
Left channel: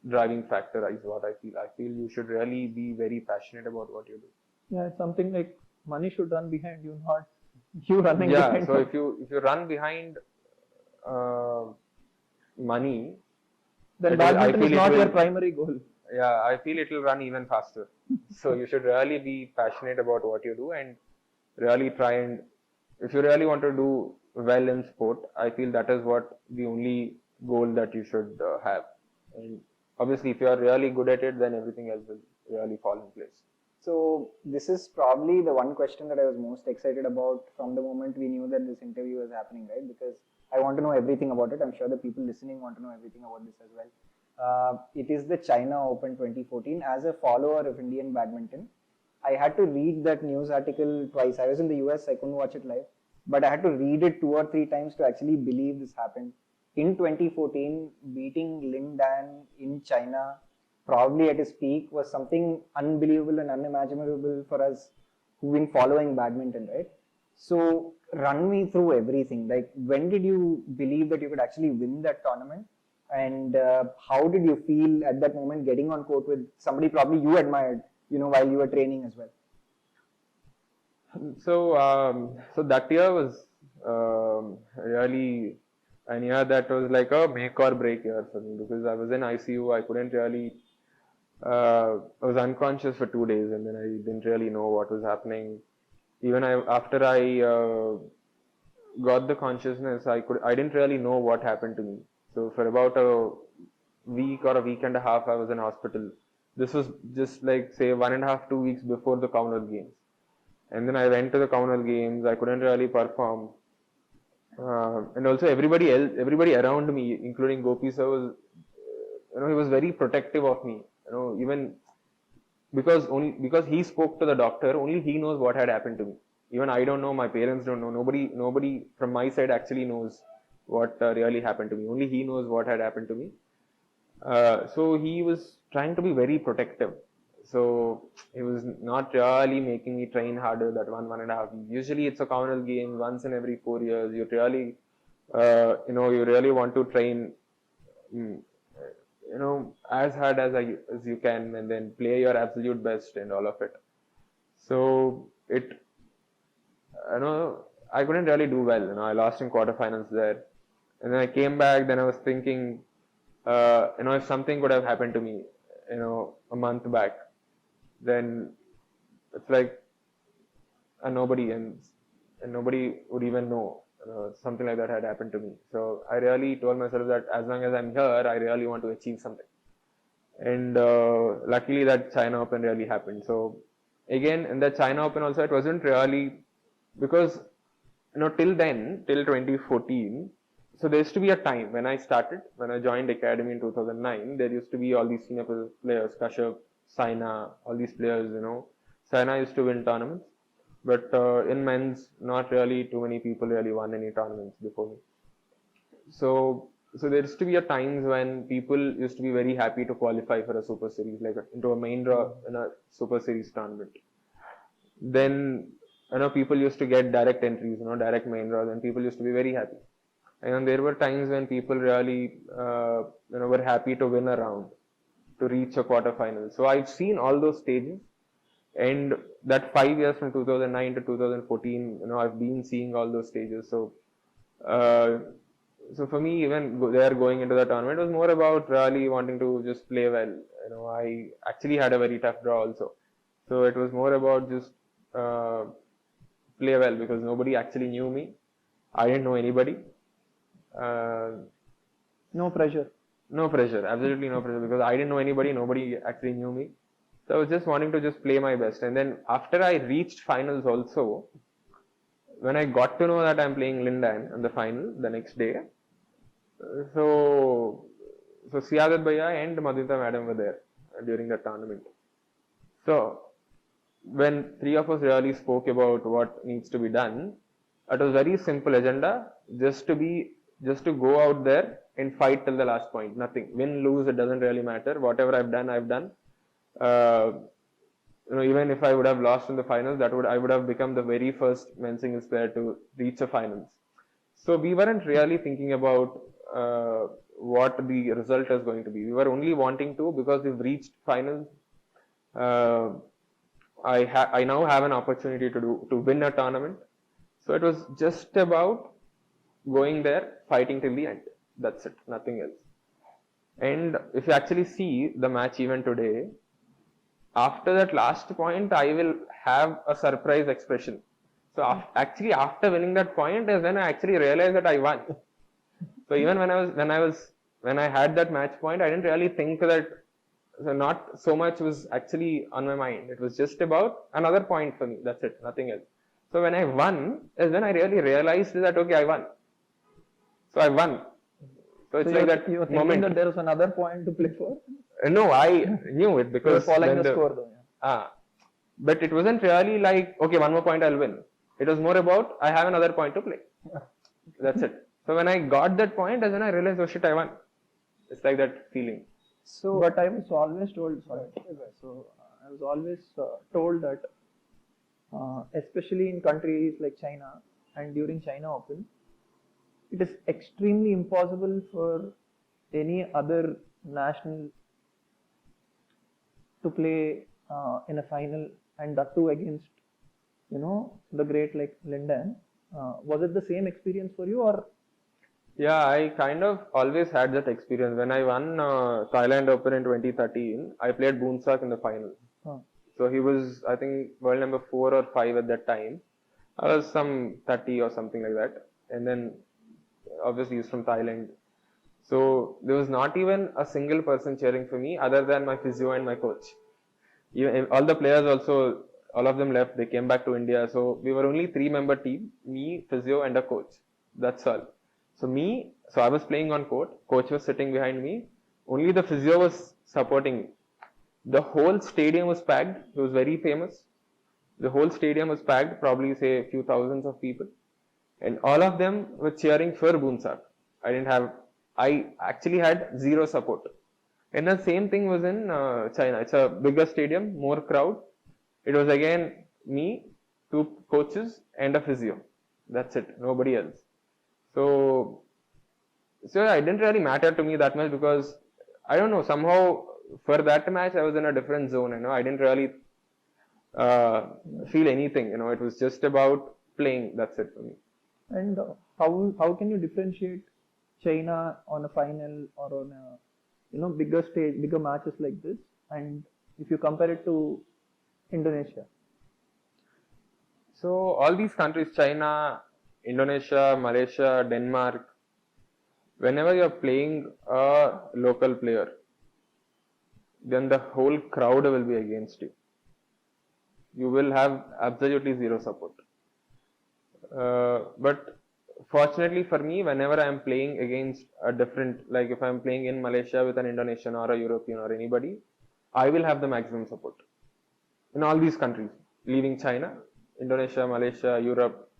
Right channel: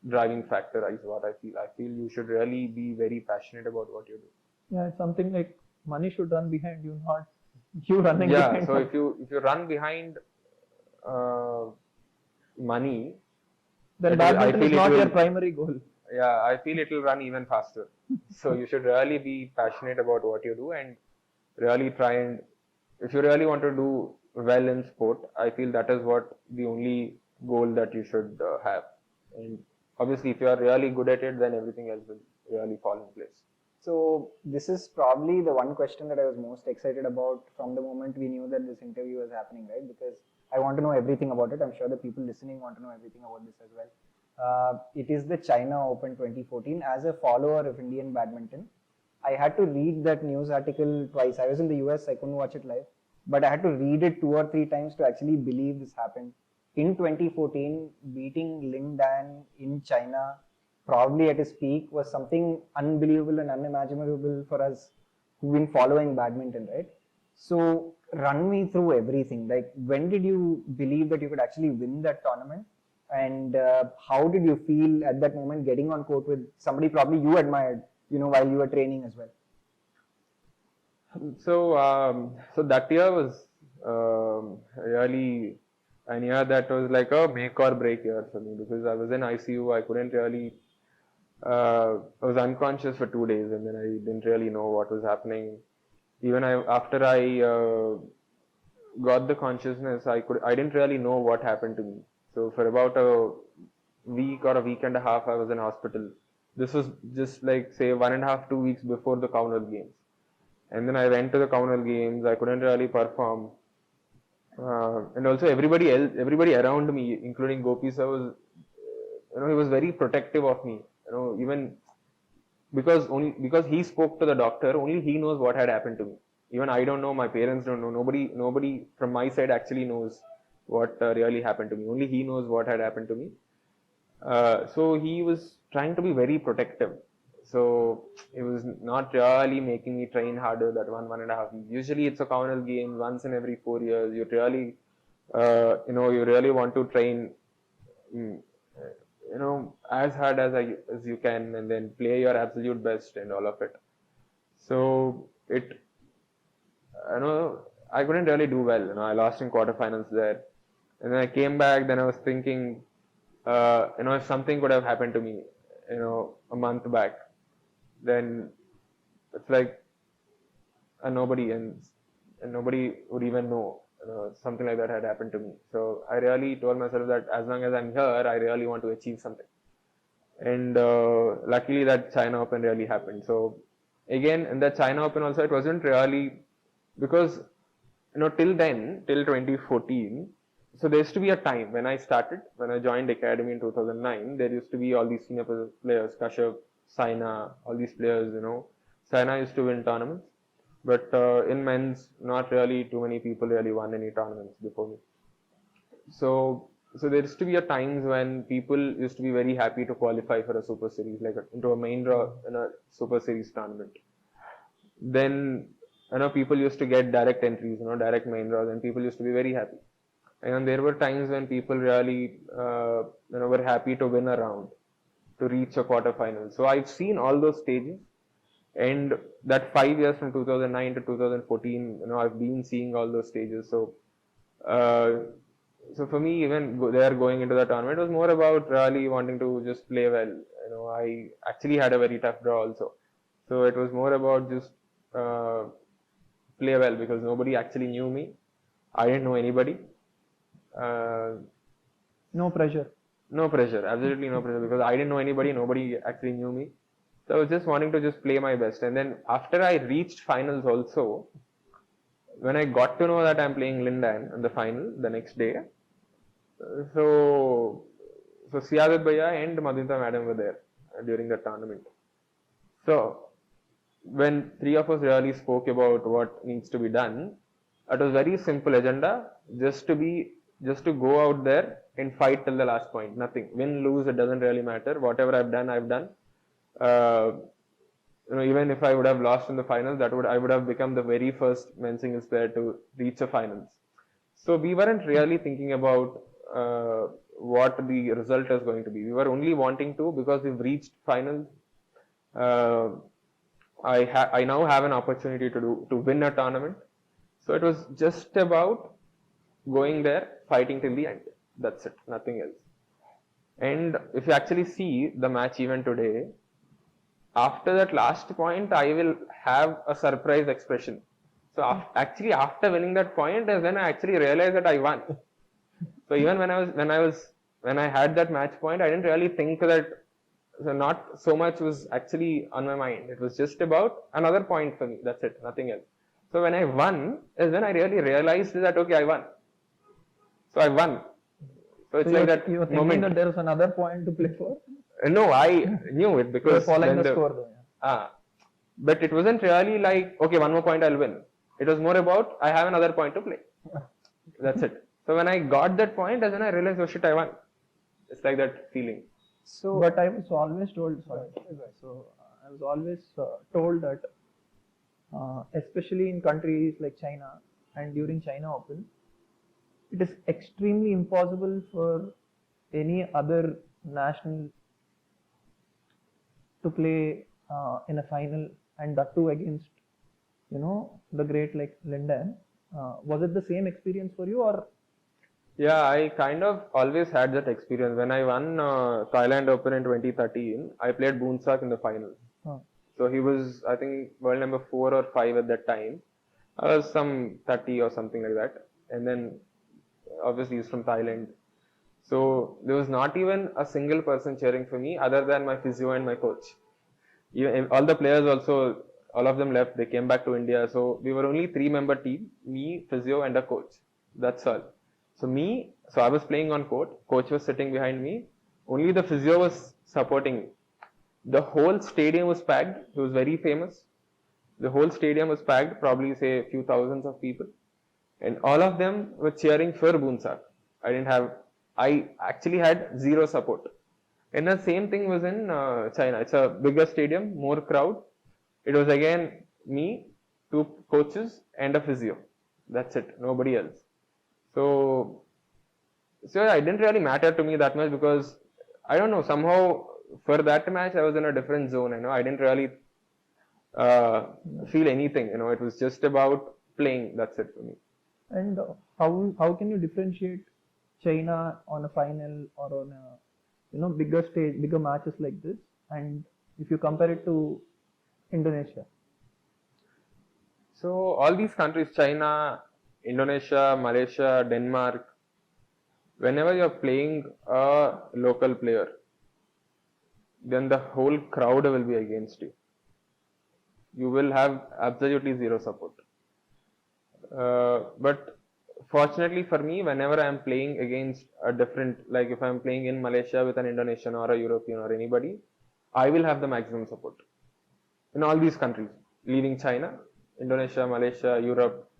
driving factor, is what I feel. I feel you should really be very passionate about what you do. Yeah, it's something like money should run behind you, not you running behind. behind. So if you run behind money, then badminton is not your primary goal. Yeah, I feel it will run even faster. So you should really be passionate about what you do and really try, and if you really want to do well in sport, I feel that is what the only goal that you should have. And obviously, if you are really good at it, then everything else will really fall in place. So this is probably the one question that I was most excited about from the moment we knew that this interview was happening, right? Because I want to know everything about it. I'm sure the people listening want to know everything about this as well. It is the China Open 2014. As a follower of Indian badminton, I had to read that news article twice. I was in the US, I couldn't watch it live, but I had to read it 2 or 3 times to actually believe this happened. In 2014, beating Lin Dan in China, probably at his peak, was something unbelievable and unimaginable for us who've been following badminton, right? So, run me through everything. Like, when did you believe that you could actually win that tournament? And how did you feel at that moment getting on court with somebody probably you admired, while you were training as well? So that year was really an year that was like a make or break year for me, because I was in ICU. I couldn't really. I was unconscious for 2 days, and then I didn't really know what was happening. Even after I got the consciousness, I didn't really know what happened to me. So for about a week or a week and a half, I was in hospital. This was just like, say, 1.5, 2 weeks before the Commonwealth Games. And then I went to the Commonwealth Games. I couldn't really perform. And also everybody else, everybody around me, including Gopi sir, was, he was very protective of me. Even because he spoke to the doctor, only he knows what had happened to me. Even I don't know, my parents don't know. Nobody from my side actually knows what really happened to me. Only he knows what had happened to me. So he was trying to be very protective. So he was not really making me train harder that 1.5 weeks. Usually it's a Commonwealth Games once in every 4 years. You really, you really want to train, as hard as you can, and then play your absolute best and all of it. So I couldn't really do well. I lost in quarterfinals there. And then I came back, then I was thinking, if something could have happened to me, a month back, then it's like nobody and nobody would even know something like that had happened to me. So I really told myself that as long as I'm here, I really want to achieve something. And luckily that China Open really happened. So again, in the China Open also, it wasn't really, because till 2014, so there used to be a time when I joined academy in 2009, there used to be all these senior players, Kashyap, Saina, all these players, Saina used to win tournaments, but in men's, not really too many people really won any tournaments before me. So there used to be a times when people used to be very happy to qualify for a super series, like into a main draw in a super series tournament. Then, people used to get direct entries, direct main draws, and people used to be very happy. And there were times when people really, were happy to win a round, to reach a quarterfinal. So I've seen all those stages, and that 5 years from 2009 to 2014, I've been seeing all those stages. So for me, even there going into the tournament, it was more about really wanting to just play well. I actually had a very tough draw also. So it was more about just play well, because nobody actually knew me. I didn't know anybody. No pressure. No pressure, absolutely no pressure, because I didn't know anybody, nobody actually knew me. So I was just wanting to just play my best. And then after I reached finals also, when I got to know that I'm playing Lin Dan in the final the next day, so Siadat Bhaiya and Madhumita Madam were there during the tournament. So when three of us really spoke about what needs to be done, it was very simple agenda, just to go out there and fight till the last point. Nothing. Win, lose, it doesn't really matter. Whatever I've done, I've done. Even if I would have lost in the finals, I would have become the very first men's singles player to reach the finals. So we weren't really thinking about what the result is going to be. We were only wanting to, because we've reached finals. I now have an opportunity to win a tournament. So it was just about going there, fighting till the end. That's it, nothing else. And if you actually see the match even today, after that last point, I will have a surprise expression. So actually, after winning that point is when I actually realized that I won. So even when I had that match point, I didn't really think that So not so much was actually on my mind. It was just about another point for me. That's it, nothing else. So when I won, is when I really realized that okay, I won. So I won. So it's like that you were thinking moment. that there was another point to play for. No, I knew it You were because following when the score though. but it wasn't really like okay, one more point I'll win. It was more about I have another point to play. That's it. So when I got that point, as when I realized, oh shit, I won. It's like that feeling. So, but I was always told. Sorry. So I was always told that, especially in countries like China and during China Open, it is extremely impossible for any other national to play in a final, and that too against, the great like Linden. Was it the same experience for you, or? Yeah, I kind of always had that experience. When I won Thailand Open in 2013, I played Boonsak in the final. So he was, I think, world number 4 or 5 at that time. I was some 30 or something like that. And then, obviously, he's from Thailand. So there was not even a single person cheering for me other than my physio and my coach. Even, all the players also, all of them left. They came back to India. So we were only 3-member team, me, physio, and a coach. That's all. So I was playing on court. Coach was sitting behind me. Only the physio was supporting me. The whole stadium was packed. He was very famous. The whole stadium was packed, probably say a few thousands of people. And all of them were cheering for Boonsak. I actually had zero support. And the same thing was in China. It's a bigger stadium, more crowd. It was again me, 2 coaches, and a physio. That's it. Nobody else. So it didn't really matter to me that much because I don't know, somehow for that match I was in a different zone. I didn't really feel anything. It was just about playing. That's it for me. And how can you differentiate China on a final or on a bigger stage, bigger matches like this, and if you compare it to Indonesia? So all these countries, China, Indonesia, Malaysia, Denmark, whenever you're playing a local player, then the whole crowd will be against you. You will have absolutely zero support. But fortunately for me, whenever I'm playing against a different, like if I'm playing in Malaysia with an Indonesian or a European or anybody, I will have the maximum support. In all these countries, leaving China, Indonesia, Malaysia, Europe,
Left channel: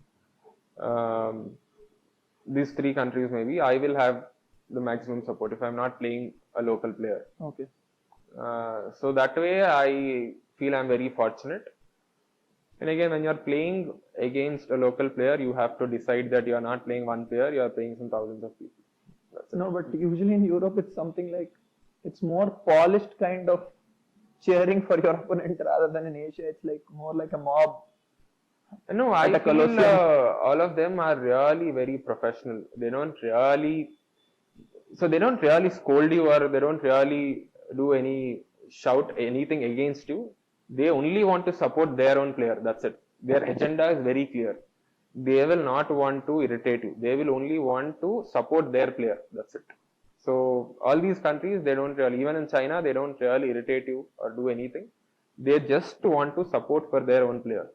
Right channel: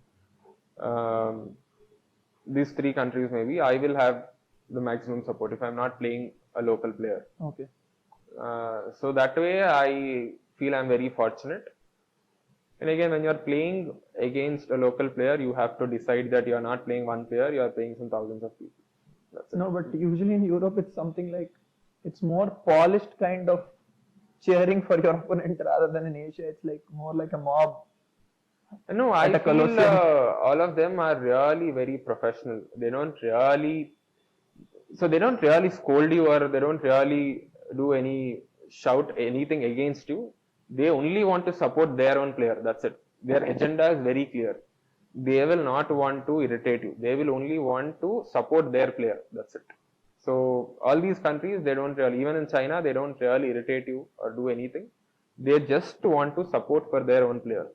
these 3 countries maybe, I will have the maximum support if I'm not playing a local player. Okay. So that way I feel I'm very fortunate. And again, when you're playing against a local player, you have to decide that you're not playing one player, you're playing some thousands of people. No, but usually in Europe it's something like, it's more polished kind of cheering for your opponent rather than in Asia. It's like more like a mob. No, I feel all of them are really very professional. They don't really scold you or they don't really shout anything against you. They only want to support their own player. That's it. Their agenda is very clear. They will not want to irritate you. They will only want to support their player. That's it. So all these countries, they don't really, even in China, they don't really irritate you or do anything. They just want to support for their own player.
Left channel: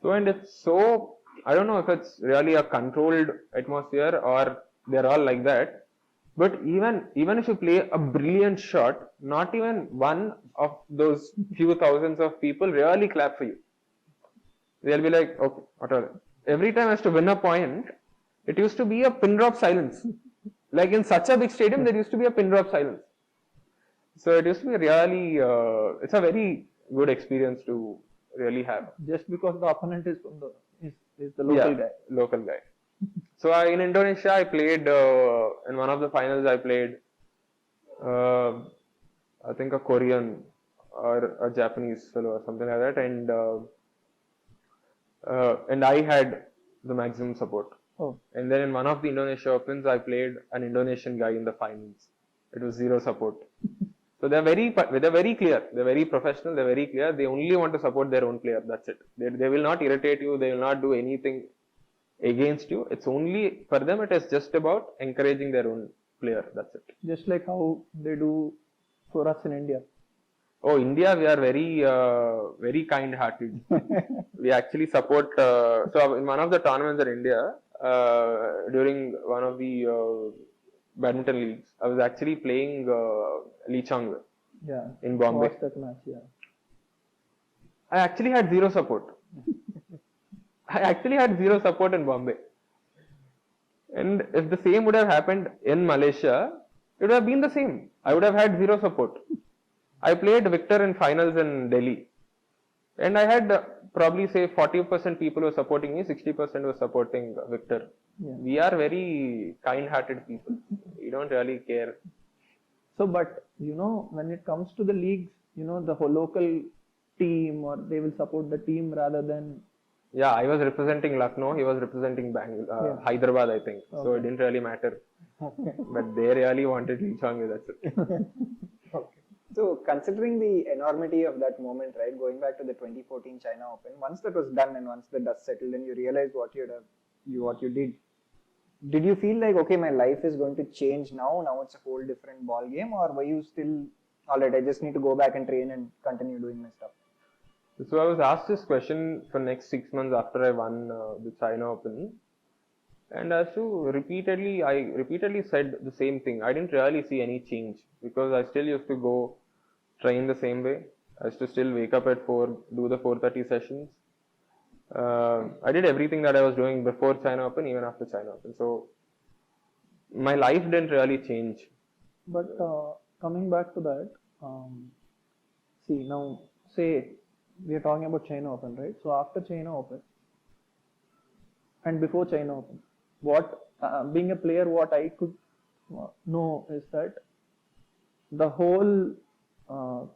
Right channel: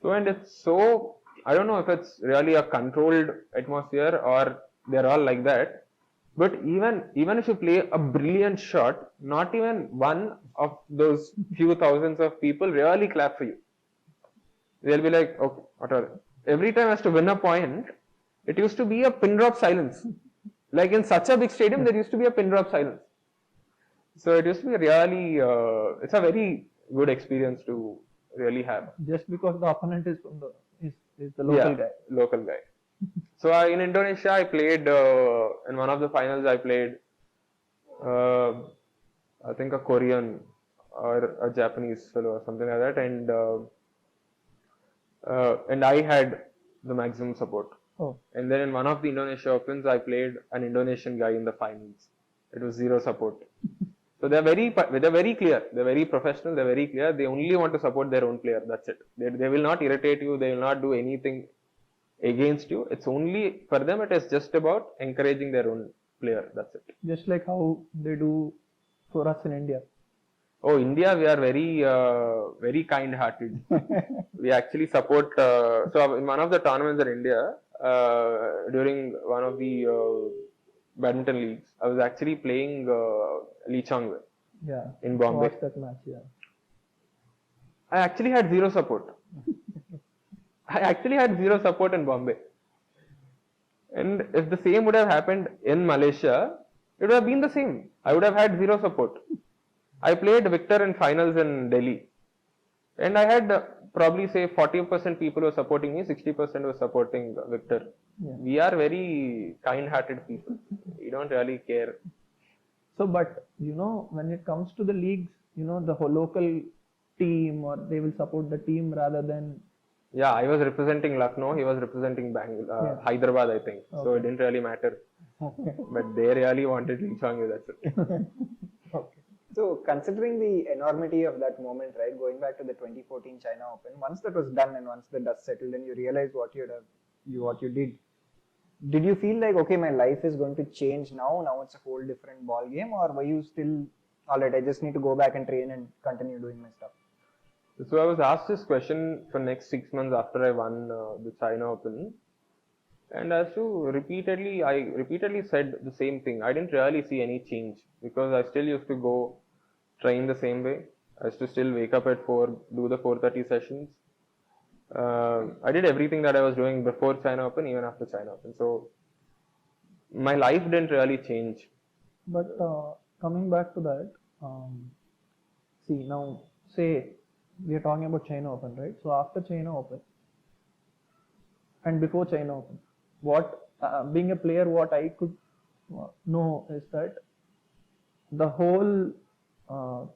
So, and it's so, I don't know if it's really a controlled atmosphere or they're all like that. But even if you play a brilliant shot, not even one of those few thousands of people really clap for you. They'll be like, okay, whatever. Every time I used to win a point, it used to be a pin drop silence. Like in such a big stadium, there used to be a pin drop silence. So it used to be really, it's a very good experience to really have. Just because the opponent is from the local guy. Local guy. So in Indonesia, I played in one of the finals. I played, I think a Korean or a Japanese fellow or something like that, and I had the maximum support. Oh. And then in one of the Indonesia Opens, I played an Indonesian guy in the finals. It was zero support. So they're very clear. They're very professional. They're very clear. They only want to support their own player. That's it. They will not irritate you. They will not do anything against you. It's only for them. It is just about encouraging their own player. That's it. Just like how they do for us in India. Oh, India, we are very kind-hearted. We actually support. So in one of the tournaments in India, during one of the badminton leagues, I was actually playing Lee Chang Yeah. in Bombay. Watched that match. Yeah. I actually had zero support. I actually had zero support in Bombay. And if the same would have happened in Malaysia, it would have been the same. I would have had zero support. I played Victor in finals in Delhi. And I had probably say 40% people were supporting me, 60% were supporting Victor. Yeah. We are very kind-hearted people. We don't really care. So, but when it comes to the leagues, the whole local team, or they will support the team rather than. Yeah, I was representing Lucknow. He was representing Hyderabad, I think. Okay. So it didn't really matter. But they really wanted Lee Chang. That's it. Okay. So, considering the enormity of that moment, right, going back to the 2014 China Open, once that was done and once the dust settled and you realized what you did you feel like, okay, my life is going to change now? Now it's a whole different ball game, or were you still, all right, I just need to go back and train and continue doing my stuff? So I was asked this question for next 6 months after I won the China Open, and I repeatedly said the same thing. I didn't really see any change because I still used to go train the same way. I used to still wake up at 4, do the 4:30 sessions. I did everything that I was doing before China Open, even after China Open. So my life didn't really change. But coming back to that, see now, say we are talking about China Open, right? So after China Open and before China Open, what being a player, what I could know is that the whole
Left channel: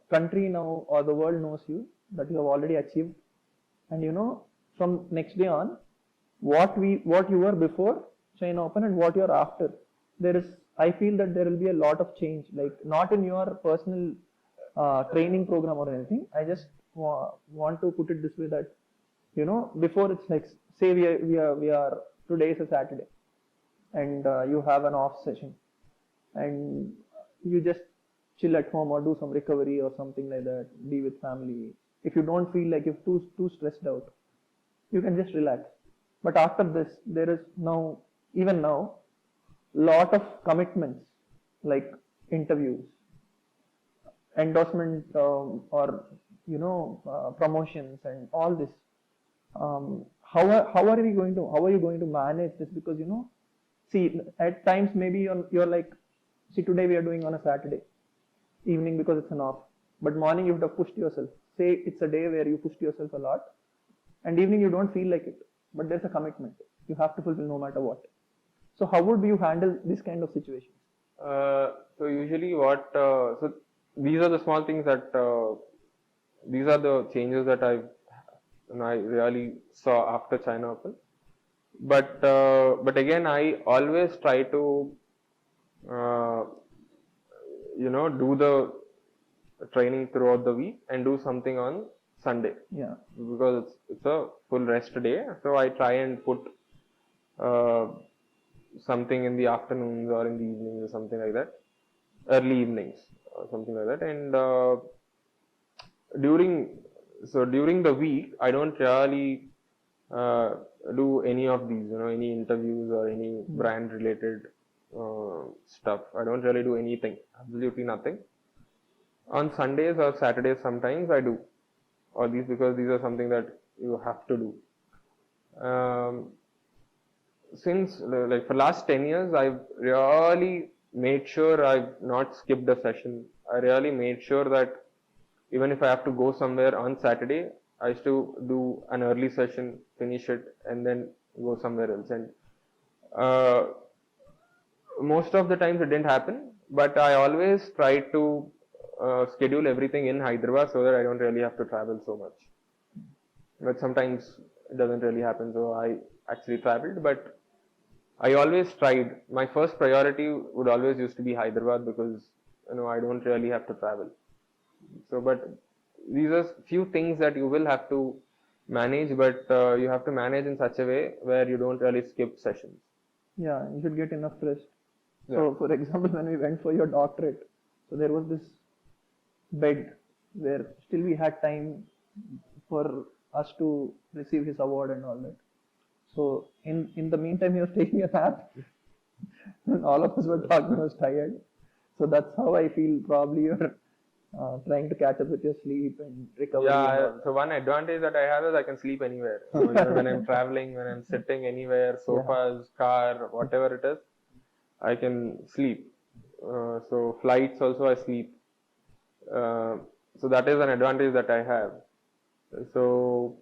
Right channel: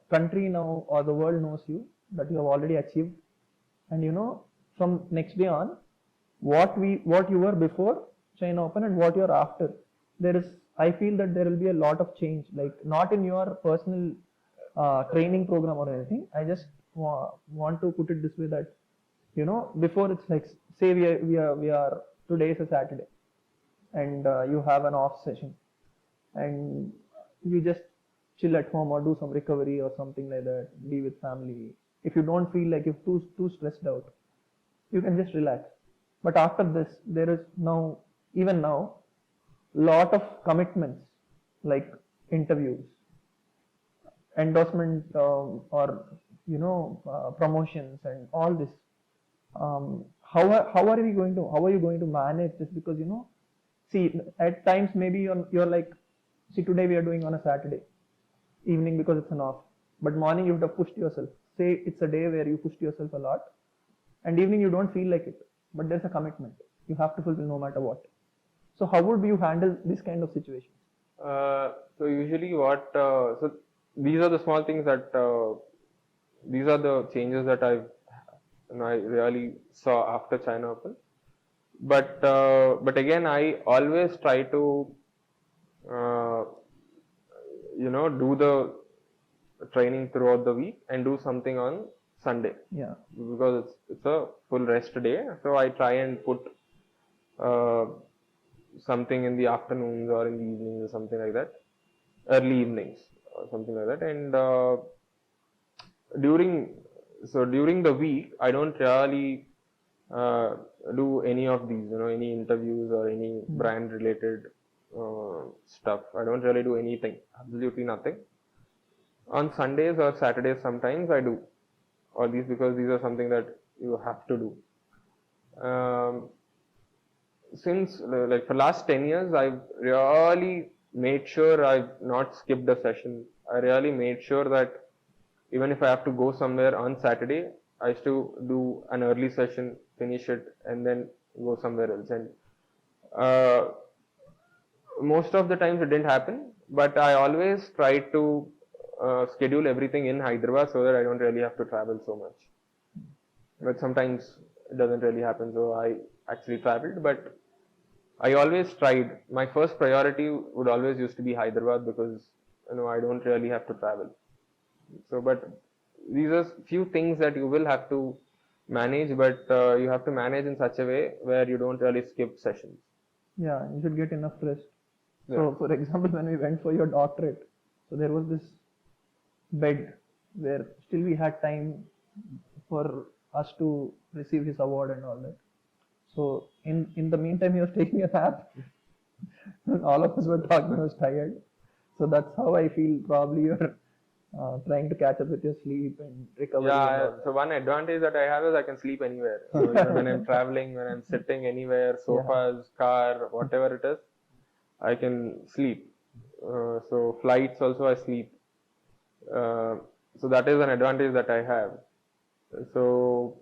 country now or the world knows you, that you have already achieved, and from next day on, what you were before China Open and what you are after, I feel that there will be a lot of change, like not in your personal training program or anything. I just want to put it this way, that before it's like, say we are today is a Saturday and you have an off session and you just chill at home or do some recovery or something like that, be with family. If you don't feel like you're too stressed out, you can just relax. But after this, there is even now lot of commitments, like interviews, endorsement, or promotions and all this. How are you going to manage this? Because see, at times maybe you're like, see, today we are doing on a Saturday evening because it's an off, but morning you would have pushed yourself. Say it's a day where you pushed yourself a lot, and evening you don't feel like it, but there's a commitment you have to fulfill no matter what. So how would you handle this kind of situation? So usually so these are the small things that, these are the changes that I really saw after China Open. But again, I always try to, do the training throughout the week and do something on Sunday. Yeah. Because it's a full rest day. So I try and put something in the afternoons or in the evenings or something like that, early evenings or something like that. And during the week, I don't really do any of these, any interviews or any brand related stuff. I don't really do anything, absolutely nothing. On Sundays or Saturdays, sometimes I do, or because these are something that you have to do. Since like for last 10 years, I've really made sure I've not skipped a session. I really made sure that even if I have to go somewhere on Saturday, I used to do an early session, finish it, and then go somewhere else. And most of the times it didn't happen, but I always try to schedule everything in Hyderabad so that I don't really have to travel so much. But sometimes it doesn't really happen, so I actually traveled, but I always tried. My first priority would always used to be Hyderabad because I don't really have to travel. So, but these are few things that you will have to manage, but you have to manage in such a way where you don't really skip sessions. Yeah, you should get enough rest. Yeah. So, for example, when we went for your doctorate, so there was this bed where still we had time for us to receive his award and all that. So in the meantime, he was taking a nap, and all of us were talking. I was tired. So that's how I feel. Probably you're trying to catch up with your sleep and recovery. And Yeah, all so one advantage that I have is I can sleep anywhere. So, when I'm traveling, when I'm sitting anywhere, sofas, car, whatever it is, I can sleep. So flights also I sleep. So that is an advantage that I have. So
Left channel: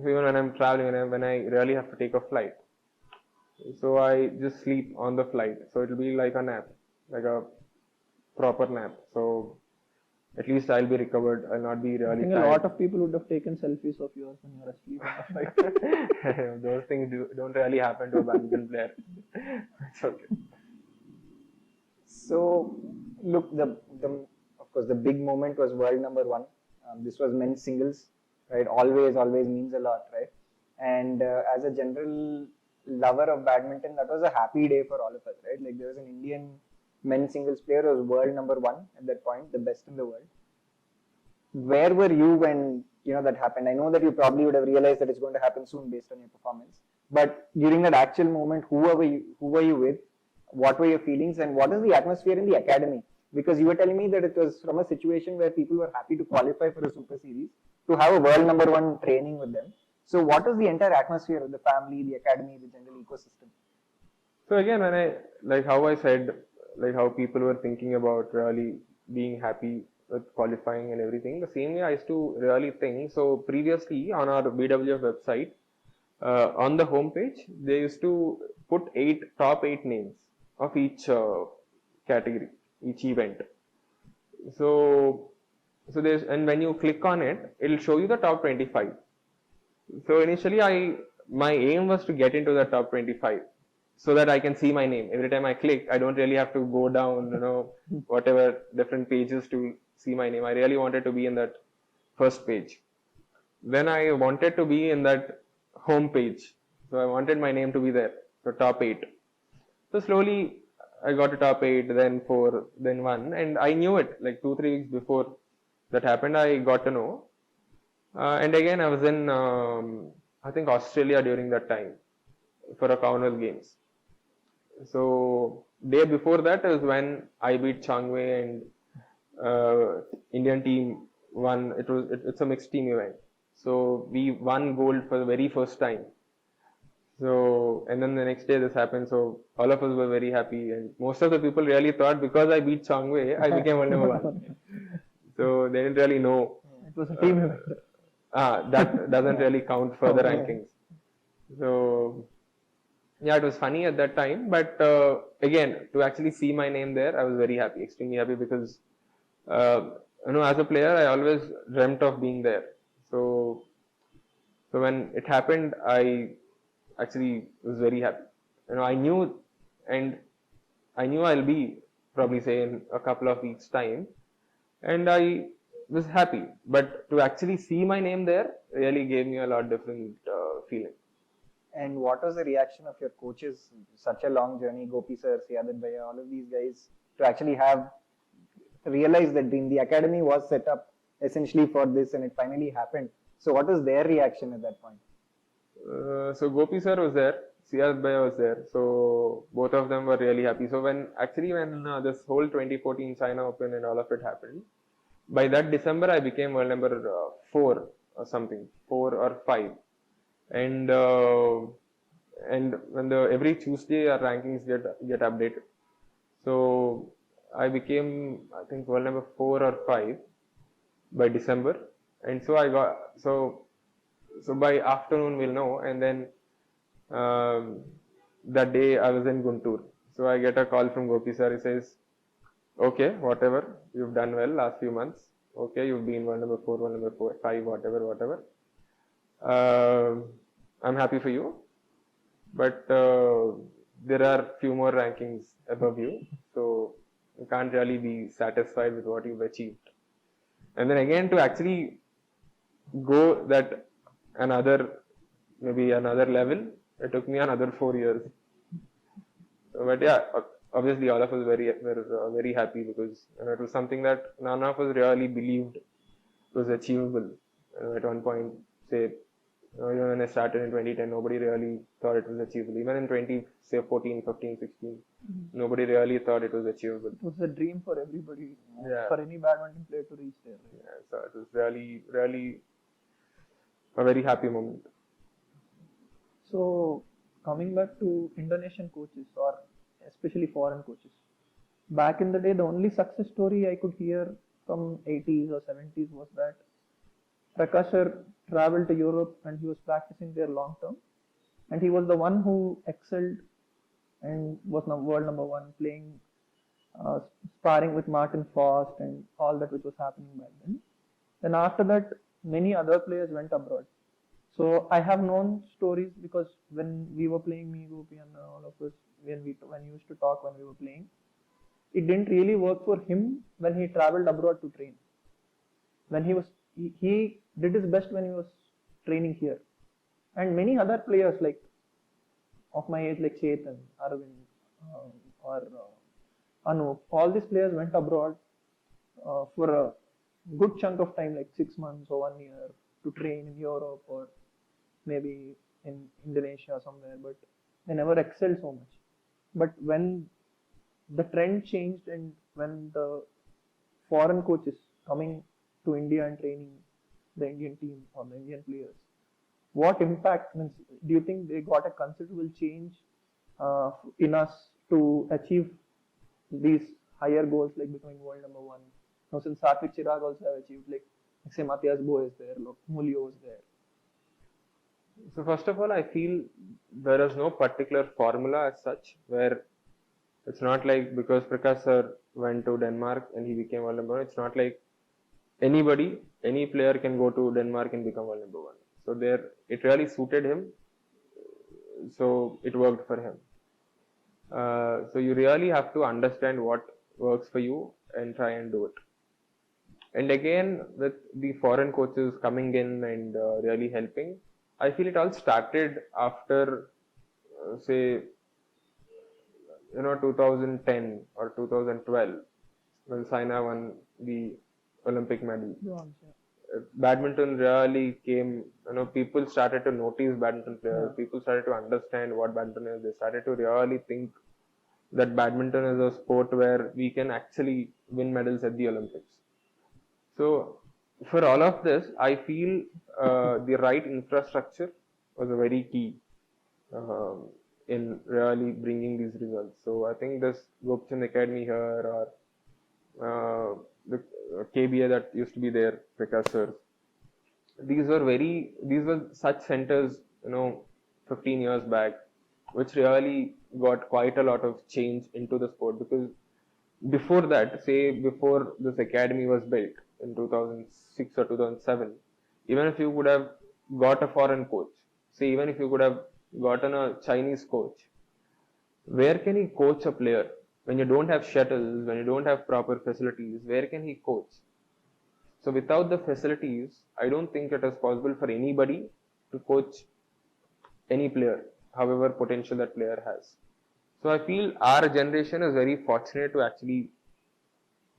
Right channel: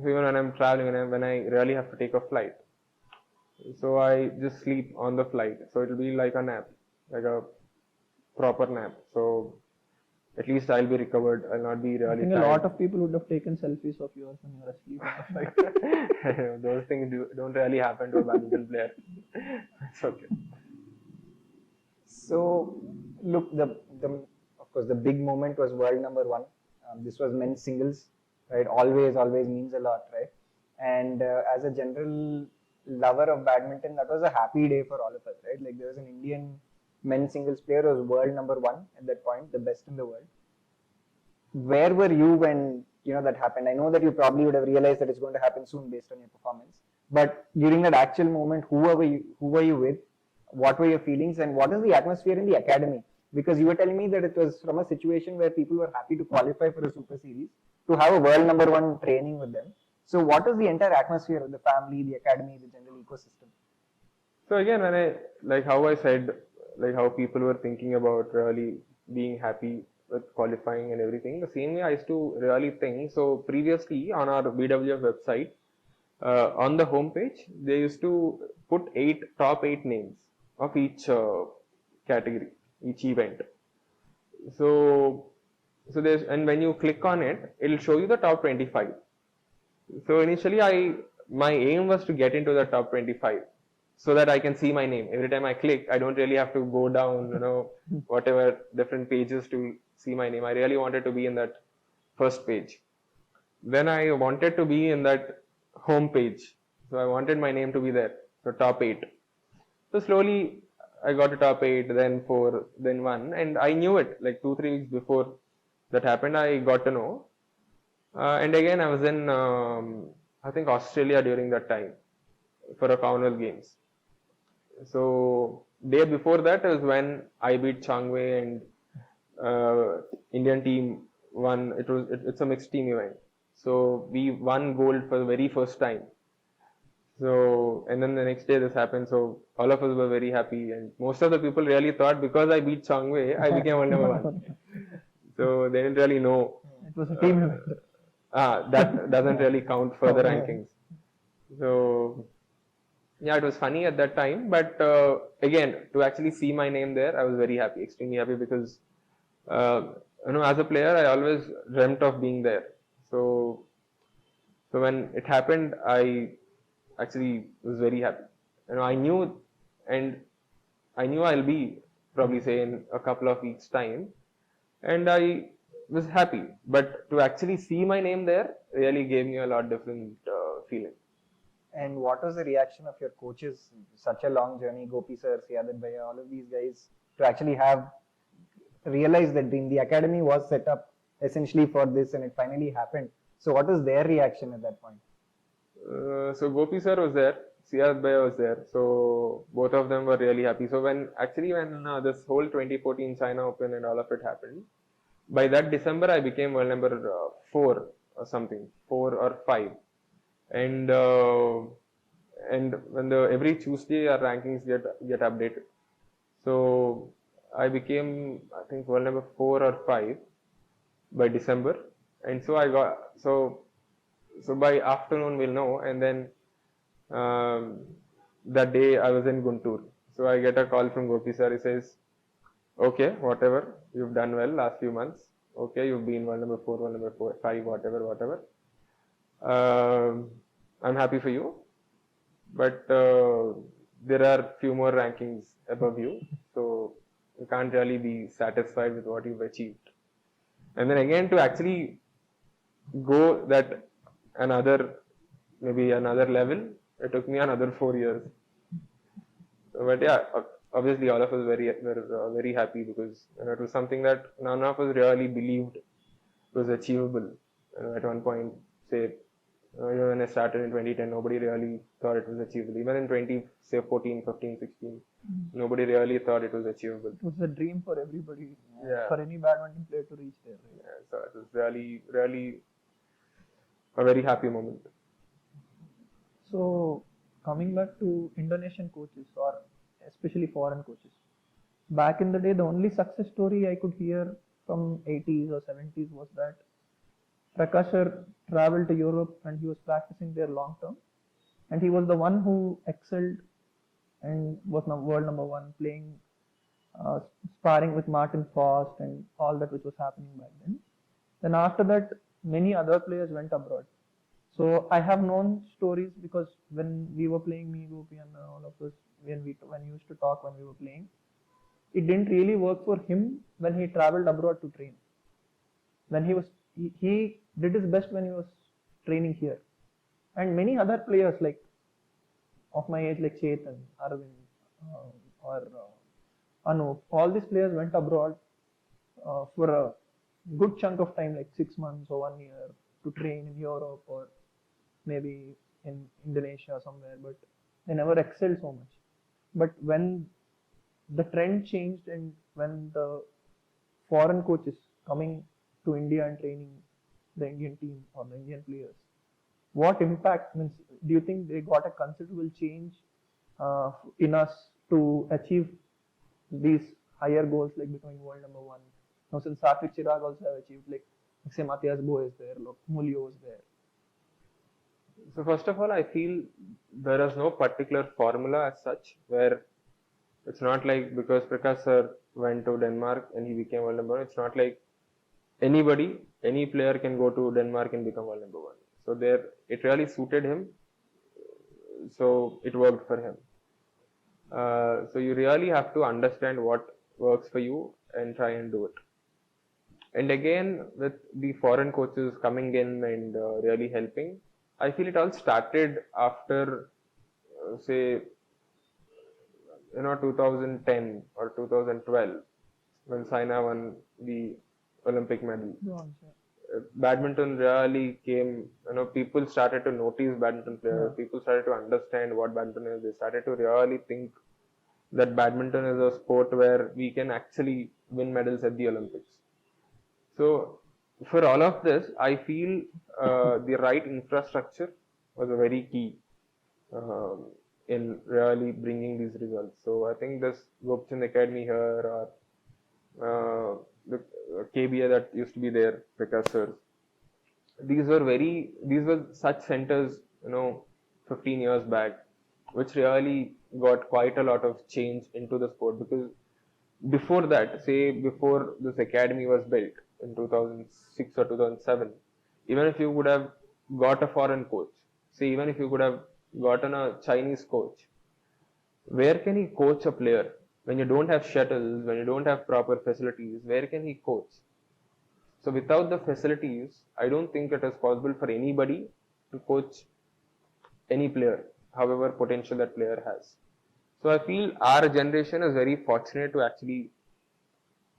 even when I'm traveling, when I really have to take a flight, so I just sleep on the flight. So it'll be like a nap, like a proper nap. So at least I'll be recovered. I'll not be I really think a tired. lot of people would have taken selfies of yours when you were asleep on the flight. Those things don't really happen to a badminton player. It's okay. So, look, of course, the big moment was world number one. This was men's singles, right? Always means a lot, right? And as a general lover of badminton, that was a happy day for all of us, right? Like there was an Indian men's singles player who was world number one at that point, the best in the world. Where were you when that happened? I know that you probably would have realized that it's going to happen soon based on your performance. But during that actual moment, who were you with? What were your feelings, and what is the atmosphere in the academy? Because you were telling me that it was from a situation where people were happy to qualify for a super series to have a world number one training with them. So what is the entire atmosphere of the family, the academy, the general ecosystem? So again, when I like how I said, like how people were thinking about really being happy with qualifying and everything, the same way I used to really think. So previously on our BWF website, on the homepage, they used to put top eight names of each category, each event. So there's, and when you click on it, it'll show you the top 25. So initially, my aim was to get into the top 25, so that I can see my name. Every time I click, I don't really have to go down, whatever different pages to see my name. I really wanted to be in that first page. Then I wanted to be in that home page. So I wanted my name to be there, so top 8. So slowly I got to top 8, then 4, then 1, and I knew it like 2-3 weeks before that happened. I got to know. And again, I was in, I think, Australia during that time for a Commonwealth Games. So day before that is when I beat Changwei and Indian team won. It's a mixed team event. So we won gold for the very first time. So, and then the next day this happened. So all of us were very happy, and most of the people really thought because I beat Changwei, I became world number one. So they didn't really know. It was a team event. That doesn't really count for the rankings. So yeah, it was funny at that time, but again, to actually see my name there, I was very happy, extremely happy, because as a player, I always dreamt of being there. So when it happened, I actually was very happy. I knew I'll be probably say in a couple of weeks' time, and I was happy. But to actually see my name there really gave me a lot different feeling. And what was the reaction of your coaches? Such a long journey, Gopi sir, Siadat Bhaiya, all of these guys, to actually have realized that dream. The academy was set up essentially for this, and it finally happened. So what was their reaction at that point? So Gopi sir was there, Siadat Bhaiya was there. So both of them were really happy. So when this whole 2014 China Open and all of it happened, by that December I became world number 4 or something, 4 or 5. And when every Tuesday our rankings get updated. So I became, I think, world number 4 or 5 by December, and so I got so by afternoon we'll know. And then that day I was in Guntur, so I get a call from Gopi sir. He says, "Okay, whatever, you've done well last few months. Okay, you've been world number 4, world number 4, 5, whatever. I'm happy for you, but there are few more rankings above you, so you can't really be satisfied with what you've achieved." And then again, to actually go that maybe another level, it took me another 4 years. But yeah, obviously all of us were very happy, because it was something that none of us really believed was achievable. At one point, say, when I started in 2010, nobody really thought it was achievable. Even in 14, 15, 16, nobody really thought it was achievable. It was a dream for everybody, Yeah. for any badminton player to reach there. Right? Yeah, so it was really, really a very happy moment. So, coming back to Indonesian coaches or especially foreign coaches, back in the day, the only success story I could hear from 80s or 70s was that Prakash sir traveled to Europe and he was practicing there long term, and he was the one who excelled and was world number one, playing sparring with Martin Frost and all that which was happening back then. Then after that, many other players went abroad. So I have known stories because when we were playing, me, Gopi, and all of us, when we used to talk when we were playing, it didn't really work for him when he traveled abroad to train. When he did his best when he was training here, and many other players like of my age like Chetan, Arvind, or Anup, all these players went abroad for a good chunk of time, like 6 months or 1 year, to train in Europe or maybe in Indonesia somewhere, but they never excelled so much. But when the trend changed and when the foreign coaches coming to India and training the Indian team or the Indian players, what impact do you think they got a considerable change in us to achieve these higher goals like becoming world number one? Now, since Satvik Chirag also have achieved, like say Matthias Bo is there, Mulio is there. So first of all, I feel there is no particular formula as such, where it's not like because Prakash sir went to Denmark and he became world number one. It's not like any player can go to Denmark and become world number one. So it really suited him. So it worked for him. So you really have to understand what works for you and try and do it. And again, with the foreign coaches coming in and really helping, I feel it all started after, say, 2010 or 2012, when Saina won the Olympic medal. Badminton really came, people started to notice badminton players, people started to understand what badminton is, they started to really think that badminton is a sport where we can actually win medals at the Olympics. So, for all of this, I feel the right infrastructure was a very key in really bringing these results. So, I think this Gopichand Academy here or the KBA that used to be there, Prakash sir, these were such centers, 15 years back, which really got quite a lot of change into the sport. Because before that, say before this academy was built in 2006 or 2007, even if you would have got a foreign coach, say even if you could have gotten a Chinese coach, where can he coach a player? When you don't have shuttles, when you don't have proper facilities, where can he coach? So without the facilities, I don't think it is possible for anybody to coach any player, however potential that player has. So I feel our generation is very fortunate to actually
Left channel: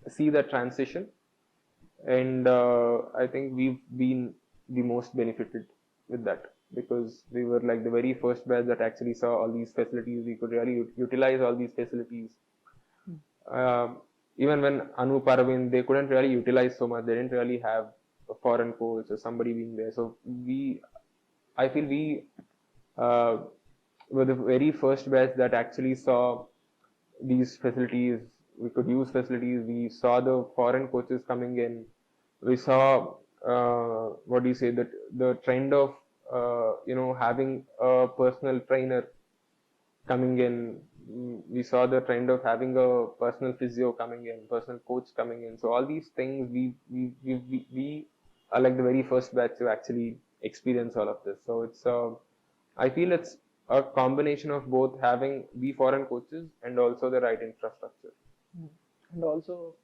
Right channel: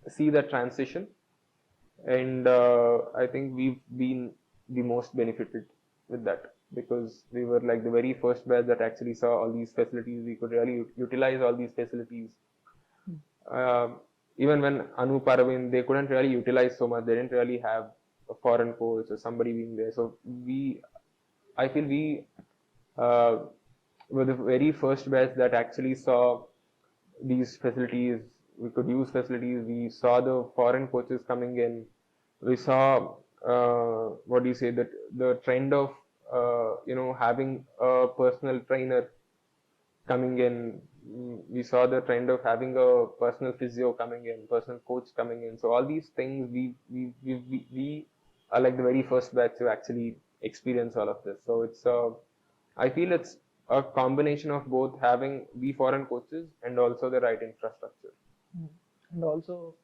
see the transition, and I think we've been the most benefited with that, because we were like the very first batch that actually saw all these facilities. We could really utilize all these facilities. Even when Anup, Arvind, they couldn't really utilize so much. They didn't really have a foreign coach or somebody being there. So I feel we were the very first batch that actually saw these facilities. We could use facilities. We saw the foreign coaches coming in. We saw the trend of having a personal trainer coming in. We saw the trend of having a personal physio coming in, personal coach coming in. So all these things, we are like the very first batch to actually experience all of this. So it's I feel it's a combination of both having the foreign coaches and also the right infrastructure. And also,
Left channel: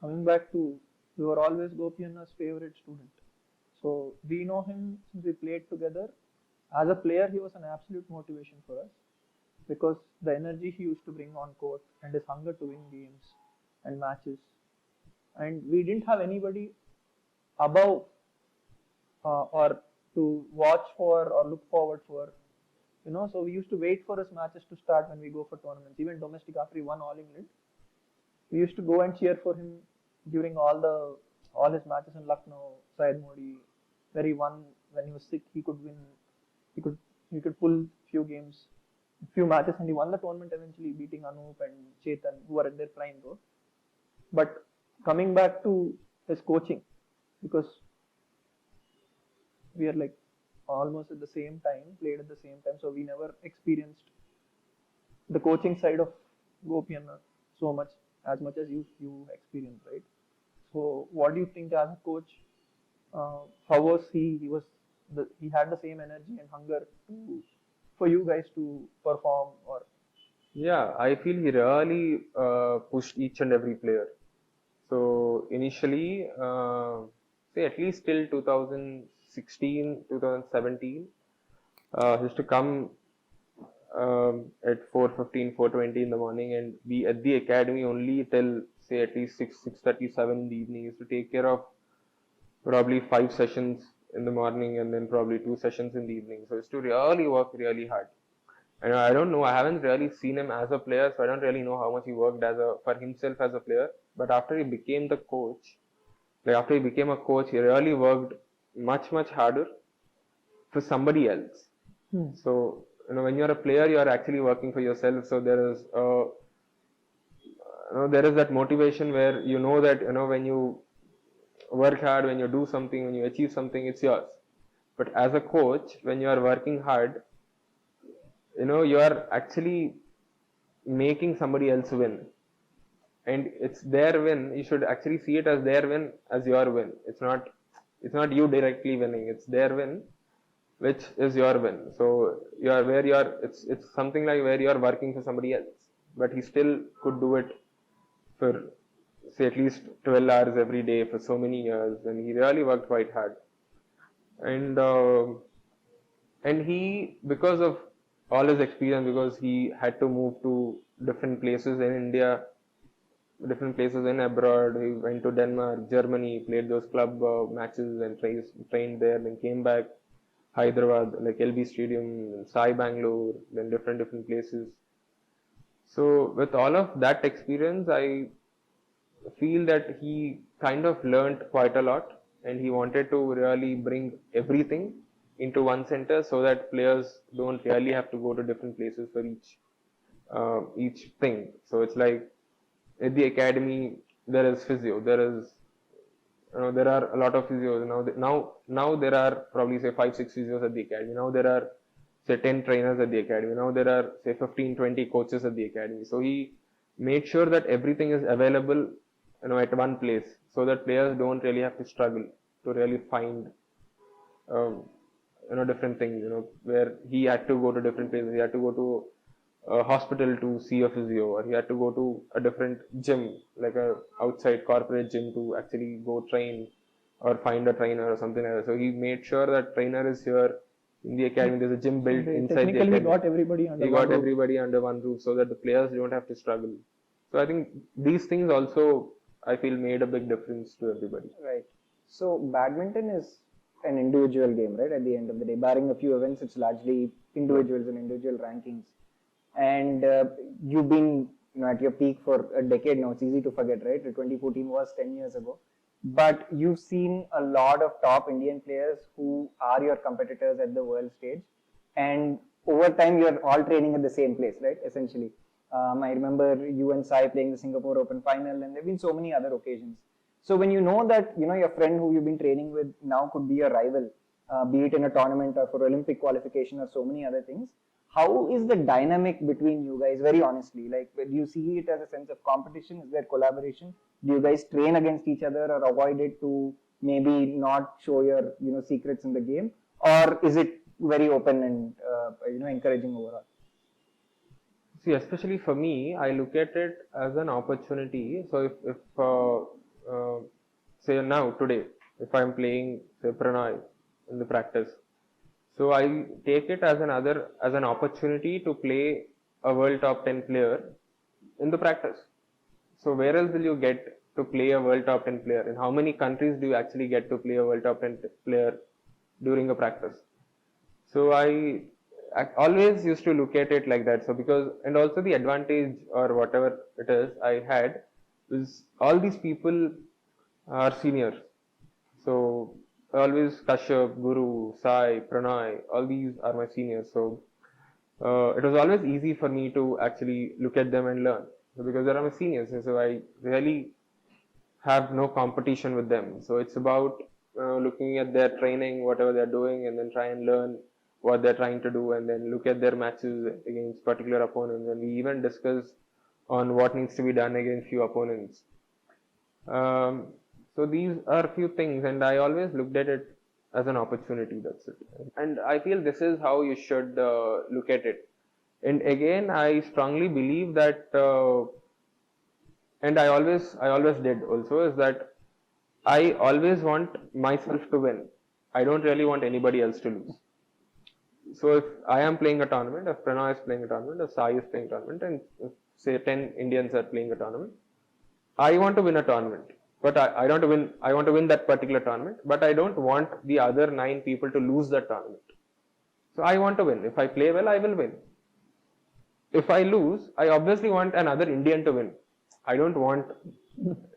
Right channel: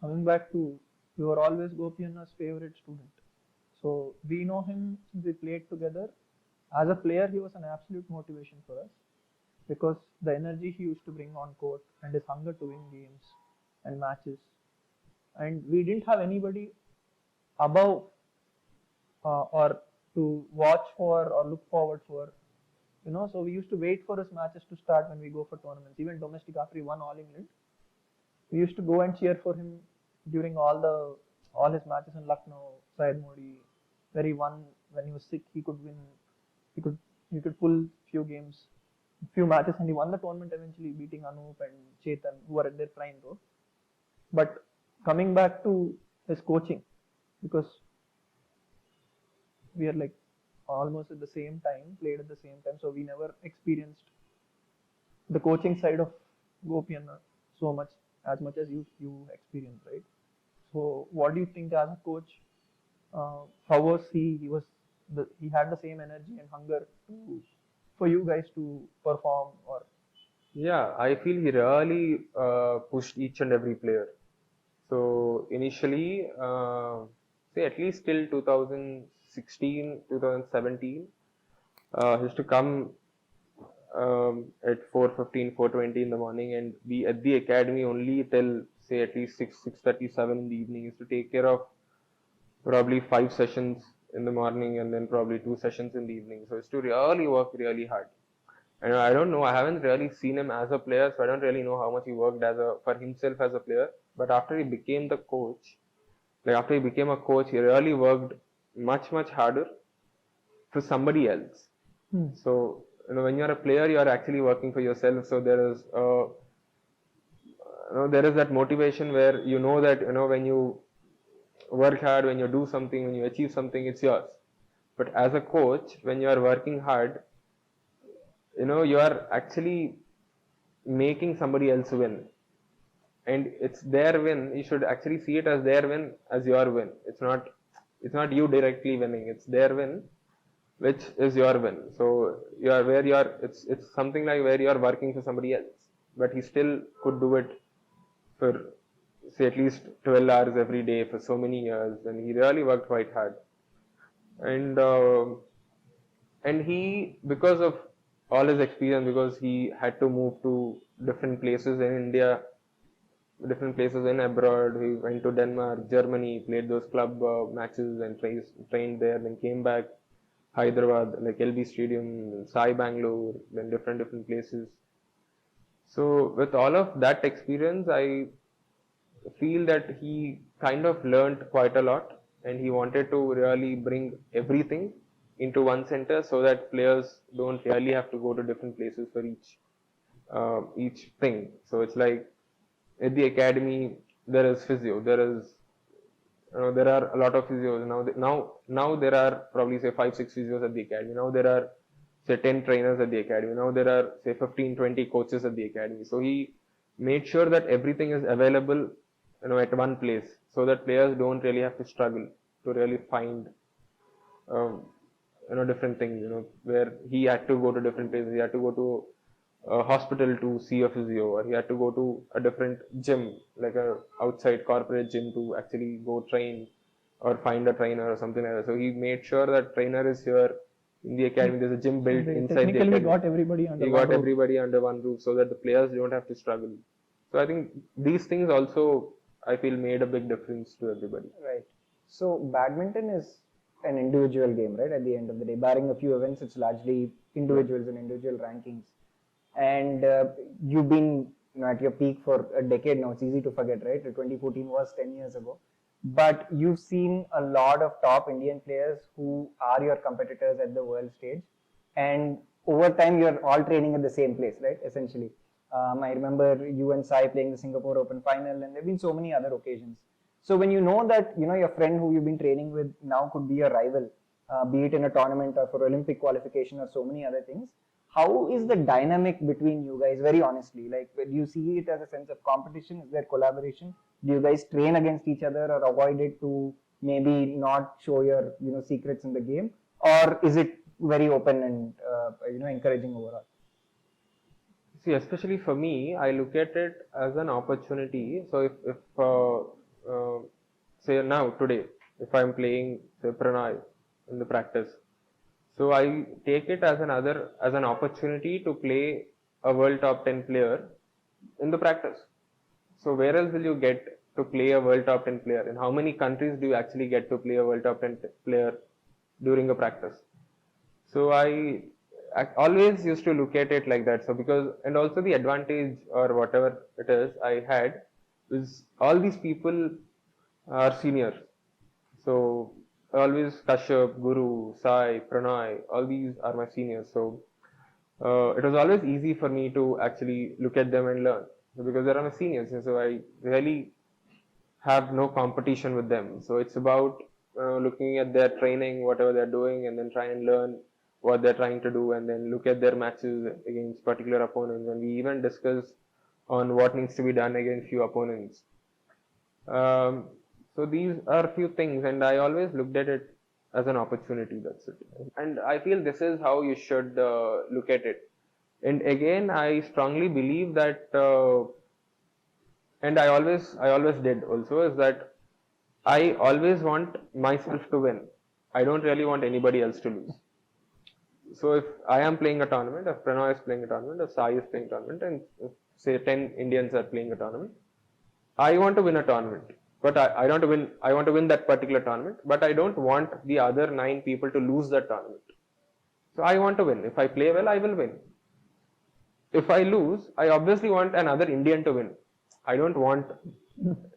coming back to, we were always Gopi and Anna's favorite student. So we know him since we played together. As a player, he was an absolute motivation for us, because the energy he used to bring on court and his hunger to win games and matches. And we didn't have anybody above or to watch for or look forward for. So we used to wait for his matches to start when we go for tournaments. Even domestic, after he won All England, we used to go and cheer for him during all his matches in Lucknow, Syed Modi, where he won when he was sick. He could win. He could pull few matches, and he won the tournament eventually, beating Anup and Chetan, who were at their prime though. But coming back to his coaching, because we are like almost at the same time, played at the same time, so we never experienced the coaching side of Gopichand so much as you experienced, right? So what do you think as a coach? How was he? He had the same energy and hunger for you guys to perform, or Yeah, I feel he really pushed each and every player. So initially, say at least till 2016, 2017, he used to come at 4:15, 4:20 in the morning and be at the academy only till say at least 6:37 in the evening. He used to take care of probably 5 sessions in the morning and then probably 2 sessions in the evening. So he used to really work really hard. And I don't know, I haven't really seen him as a player, so I don't really know how much he worked for himself as a player. But after he became the coach, like after he became a coach, he really worked much harder for somebody else. So, when you're a player, you are actually working for yourself. So there is that motivation where you know that, when you work hard, when you do something, when you achieve something, it's yours. But as a coach, when you are working hard, you are actually making somebody else win. And it's their win. You should actually see it as their win, as your win. It's not you directly winning. It's their win, which is your win. So it's something like where you are working for somebody else, but he still could do it for say at least 12 hours every day for so many years, and he really worked quite hard. And he, because of all his experience, because he had to move to different places in India, different places in abroad. He went to Denmark, Germany, played those club matches and trained there, then came back Hyderabad, like LB Stadium, Sai Bangalore, then different places. So with all of that experience, I feel that he kind of learned quite a lot, and he wanted to really bring everything into one center so that players don't really have to go to different places for each thing. So it's like at the academy there is physio, there are a lot of physios now there are probably say 5-6 physios at the academy. Now there are say 10 trainers at the academy. Now there are say 15-20 coaches at the academy. So he made sure that everything is available at one place, so that players don't really have to struggle to really find different things, where he had to go to different places. He had to go to a hospital to see a physio, or he had to go to a different gym, like a outside corporate gym, to actually go train or find a trainer or something like that. So he made sure that trainer is here in the academy. There's a gym built inside the academy. He got everybody under one roof so that the players don't have to struggle. So I think these things also, I feel, made a big difference to everybody. Right. So badminton is an individual game, right? At the end of the day, barring a few events, it's largely individuals and individual rankings. And you've been at your peak for a decade now. It's easy to forget, right? 2014 was 10 years ago. But you've seen a lot of top Indian players who are your competitors at the world stage. And over time, you're all training at the same place, right? Essentially. I remember you and Sai playing the Singapore Open final, and there have been so many other occasions. So when you know that your friend who you've been training with now could be a rival, be it in a tournament or for Olympic qualification or so many other things, how is the dynamic between you guys? Very honestly, like, do you see it as a sense of competition? Is there collaboration? Do you guys train against each other or avoid it to maybe not show your secrets in the game, or is it very open and encouraging overall? See, especially for me, I look at it as an opportunity. So if say now today, if I'm playing say Pranay in the practice, so I take it as an opportunity to play a world top 10 player in the practice. So where else will you get to play a world top 10 player? In how many countries do you actually get to play a world top 10 player during a practice? So I always used to look at it like that. So because, and also the advantage or whatever it is I had is all these people are seniors. So always Kashyap, Guru, Sai, Pranay, all these are my seniors. So it was always easy for me to actually look at them and learn. So because they are my seniors, so I really have no competition with them. So it's about looking at their training, whatever they're doing, and then try and learn what they're trying to do, and then look at their matches against particular opponents. And we even discuss on what needs to be done against few opponents. So these are few things, and I always looked at it as an opportunity. That's it. And I feel this is how you should look at it. And again, I strongly believe that, and I always did also, is that I always want myself to win. I don't really want anybody else to lose. So if I am playing a tournament, if Pranay is playing a tournament, if Sai is playing a tournament, and if, say 10 Indians are playing a tournament, I want to win a tournament. But I don't win. I want to win that particular tournament, but I don't want the other 9 people to lose that tournament. So I want to win. If I play well, I will win. If I lose, I obviously want another Indian to win. I don't want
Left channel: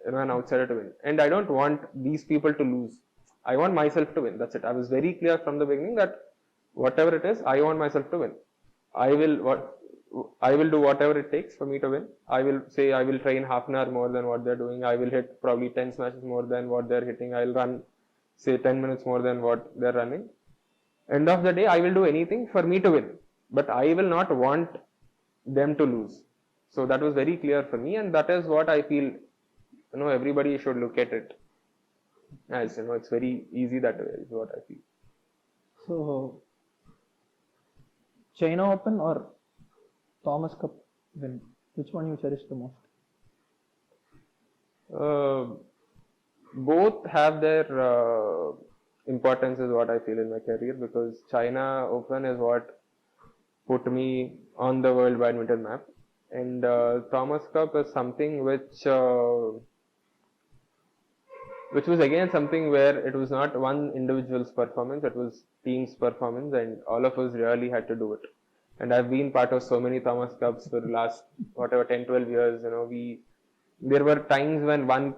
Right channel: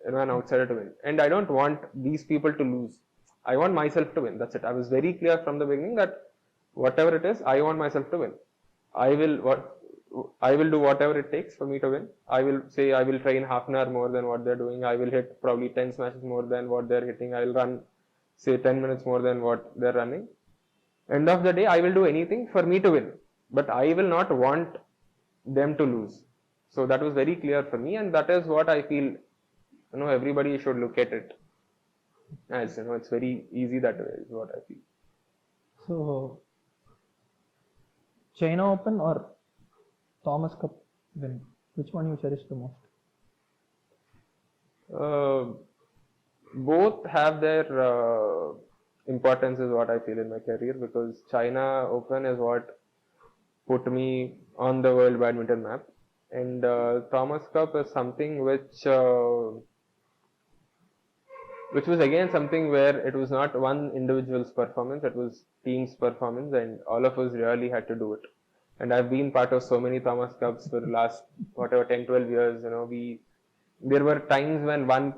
an outsider to win, and I don't want these people to lose. I want myself to win. That's it. I was very clear from the beginning that whatever it is, I want myself to win. I will do whatever it takes for me to win. I will train half an hour more than what they're doing. I will hit probably 10 smashes more than what they're hitting. I'll run, say 10 minutes more than what they're running. End of the day, I will do anything for me to win. But I will not want them to lose. So that was very clear for me, and that is what I feel, everybody should look at it as, it's very easy that way is what I feel. So, China Open or Thomas Cup win, which one you cherish the most? Both have their importance is what I feel in my career, because China Open is what put me on the world badminton map, and Thomas Cup is something which was again something where it was not one individual's performance, it was team's performance, and all of us really had to do it. And I've been part of so many Thomas Cups for the last 10-12 years. There were times when one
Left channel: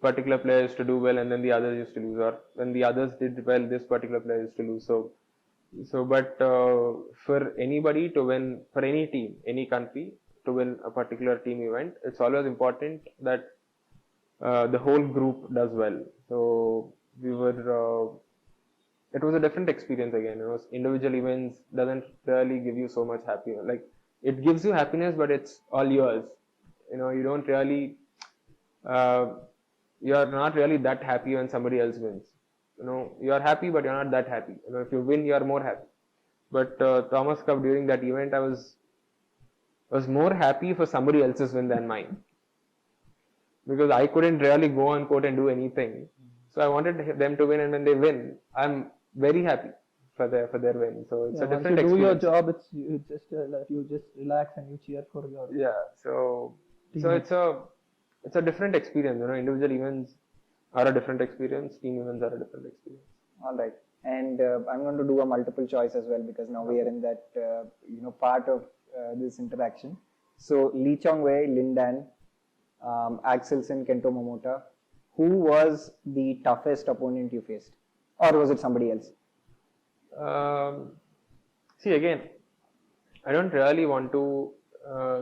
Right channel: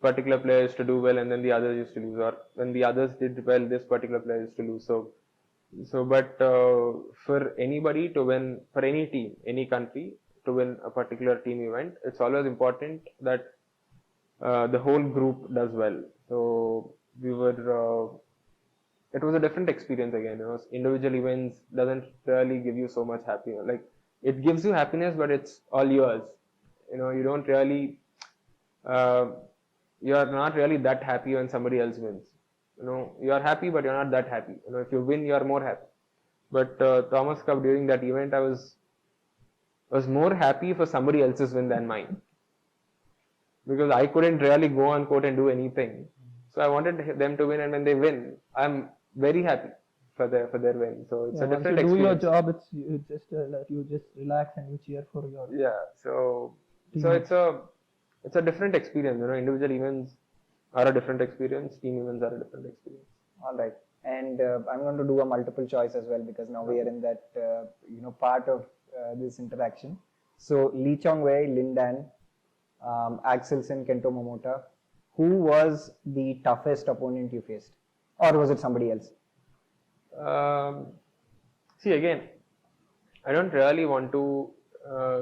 particular player used to do well and then the others used to lose, or when the others did well, this particular player used to lose. But for anybody to win, for any team, any country to win a particular team event, it's always important that the whole group does well. So it was a different experience again. Individual events doesn't really give you so much happiness. Like, it gives you happiness, but it's all yours. You don't really, you are not really that happy when somebody else wins. You are happy, but you're not that happy. If you win, you are more happy. But Thomas Cup, during that event, I was more happy for somebody else's win than mine, because I couldn't really go on court and do anything. So I wanted them to win, and when they win, I'm very happy for their win. So it's a different experience. Once you do your job, you just relax and you cheer for your So it's a different experience. Individual events are a different experience. Team events are a different experience. All right, and I'm going to do a multiple choice as well, because now we are in that part of this interaction. So Lee Chong Wei, Lin Dan, Axelsen, Kento Momota. Who was the toughest opponent you faced, or was it somebody else? See, again, I don't really want to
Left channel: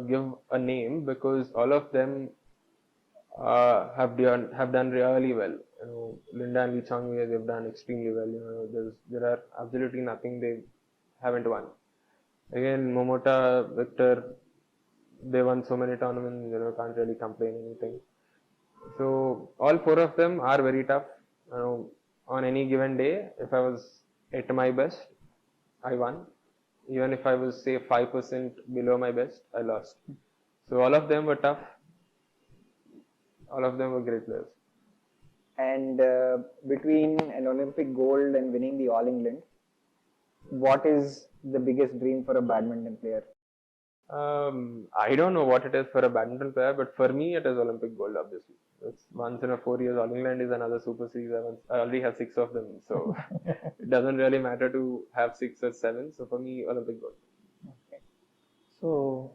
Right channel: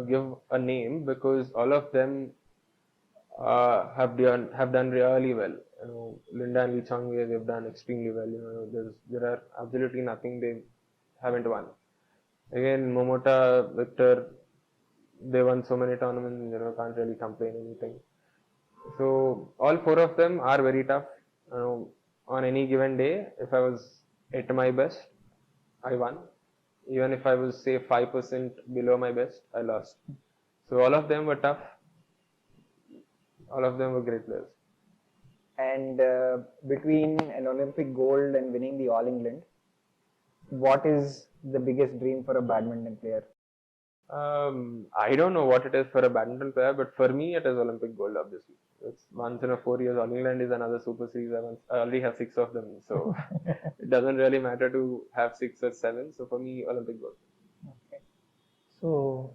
give a name, because all of them have done really well. Linda and Lee Chong Wei, they've done extremely well. There are absolutely nothing they haven't won. Again, Momota, Victor, they won so many tournaments. Can't really complain anything. So all 4 of them are very tough. On any given day, if I was at my best, I won. Even if I was, say, 5% below my best, I lost. So all of them were tough. All of them were great players. And between an Olympic gold and winning the All England, what is the biggest dream for a badminton player? I don't know what it is for a badminton player, but for me, it is Olympic gold, obviously. It's once in a 4 years. All England is another Super Series. I already have 6 of them, so it doesn't really matter to have 6 or 7. So for me, Olympic gold. Okay. So,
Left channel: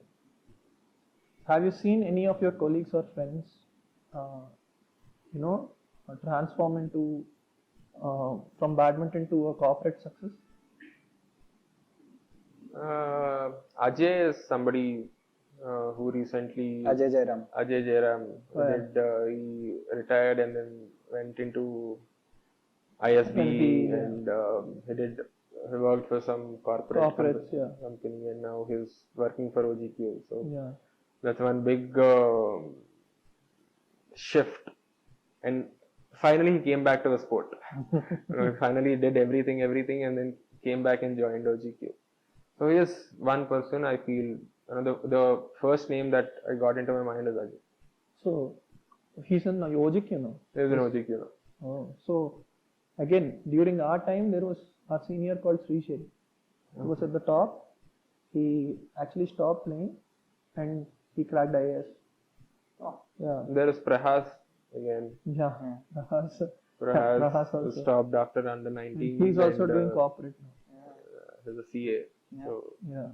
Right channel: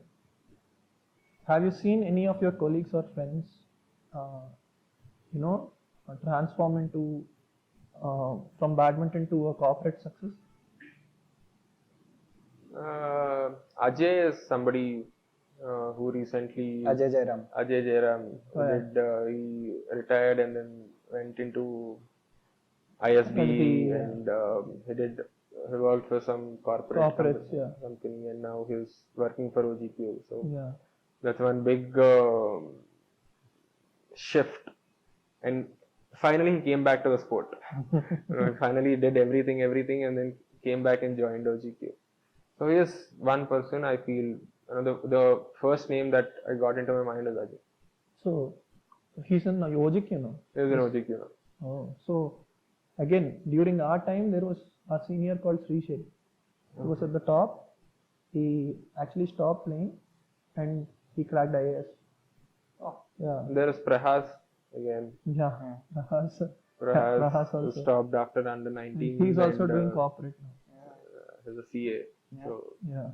have you seen any of your colleagues or friends, transform into from badminton to a corporate success? Ajay is somebody who recently Ajay Jairam. Oh, he retired and then went into ISB Yeah. and he worked for some corporate Corporates, yeah. company and now he's working for OGQ. So Yeah. that's one big shift. And finally he came back to the sport. Finally did everything and then came back and joined OGQ. So he is one person I feel, the first name that I got into my mind is Ajay. So, he's in OGQ, He's in OGQ now. Oh, so again, during our time, there was our senior called Srishel. He was at the top. He actually stopped playing and he cracked IAS. Oh. Yeah. There is Prahas again. Yeah. Prahas Prahas also. stopped after under 19. He's also doing corporate now. He's a CA. Yeah. So Yeah.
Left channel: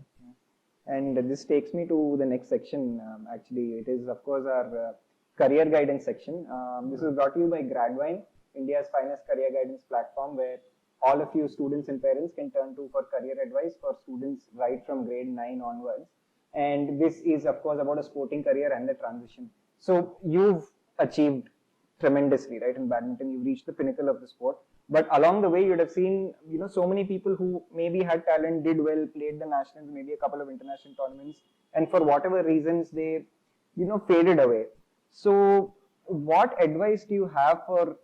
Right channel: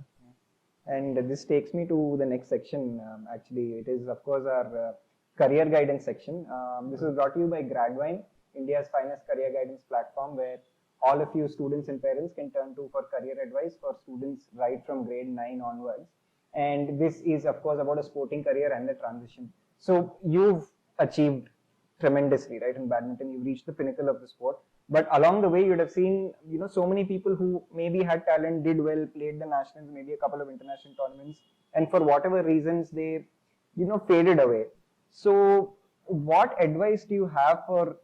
And this takes me to the next section. Actually, it is of course our career guidance section. This is brought to you by Gradwine, India's finest career guidance platform, where all of you students and parents can turn to for career advice for students right from grade 9 onwards. And this is of course about a sporting career and the transition. So you've achieved tremendously, right? In badminton, you've reached the pinnacle of the sport. But along the way, you'd have seen, so many people who maybe had talent, did well, played the nationals, maybe a couple of international tournaments, and for whatever reasons they, faded away. So, what advice do you have for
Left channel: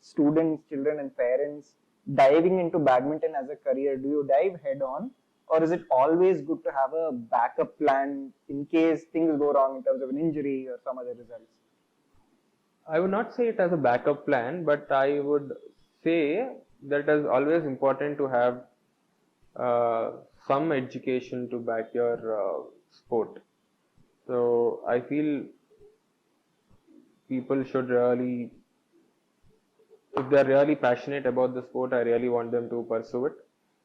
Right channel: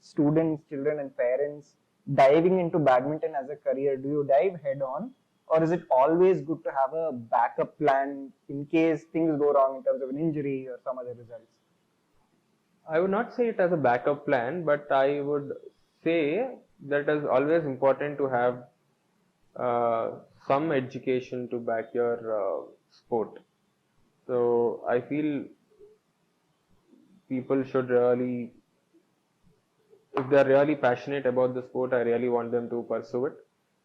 students, children, and parents diving into badminton as a career? Do you dive head on, or is it always good to have a backup plan in case things go wrong in terms of an injury or some other results? I would not say it as a backup plan, but I would say that it is always important to have some education to back your sport. So I feel people should really, if they are really passionate about the sport, I really want them to pursue it.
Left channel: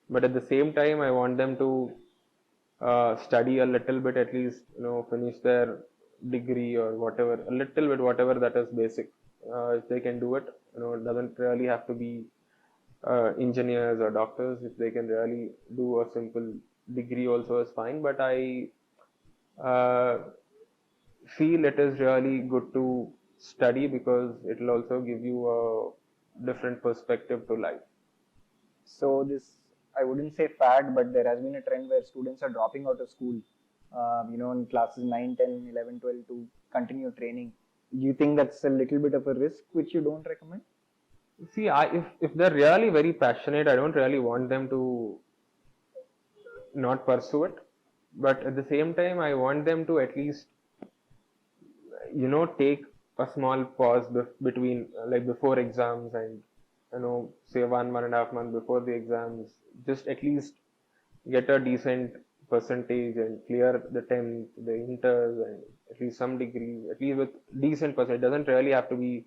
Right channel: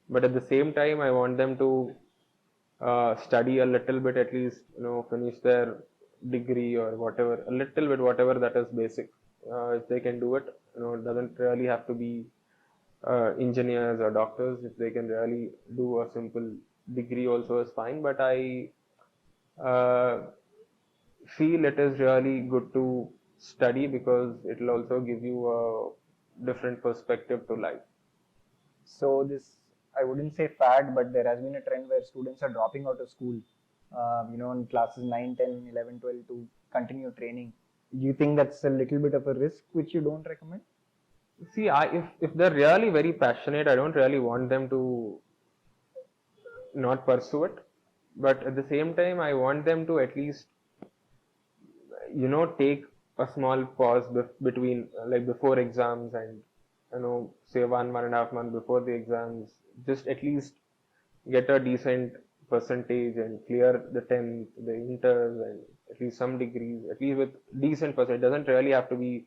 But at the same time, I want them to study a little bit, at least, finish their degree or whatever, a little bit, whatever that is basic. If they can do it, it doesn't really have to be engineers or doctors. If they can really do a simple degree also is fine. But I feel it is really good to study because it will also give you a different perspective to life. So this, I wouldn't say fad, but there has been a trend where students are dropping out of school, in classes 9, 10, 11, 12 to continue training. Do you think that's a little bit of a risk which you don't recommend? See, if they're really very passionate, I don't really want them to not pursue it. But at the same time, I want them to at least, take a small pause between, like before exams and, say 1.5 months before the exams, just at least get a decent percentage and clear the 10th, the inters, and at least some degrees, at least with decent percentage. It doesn't really have to be,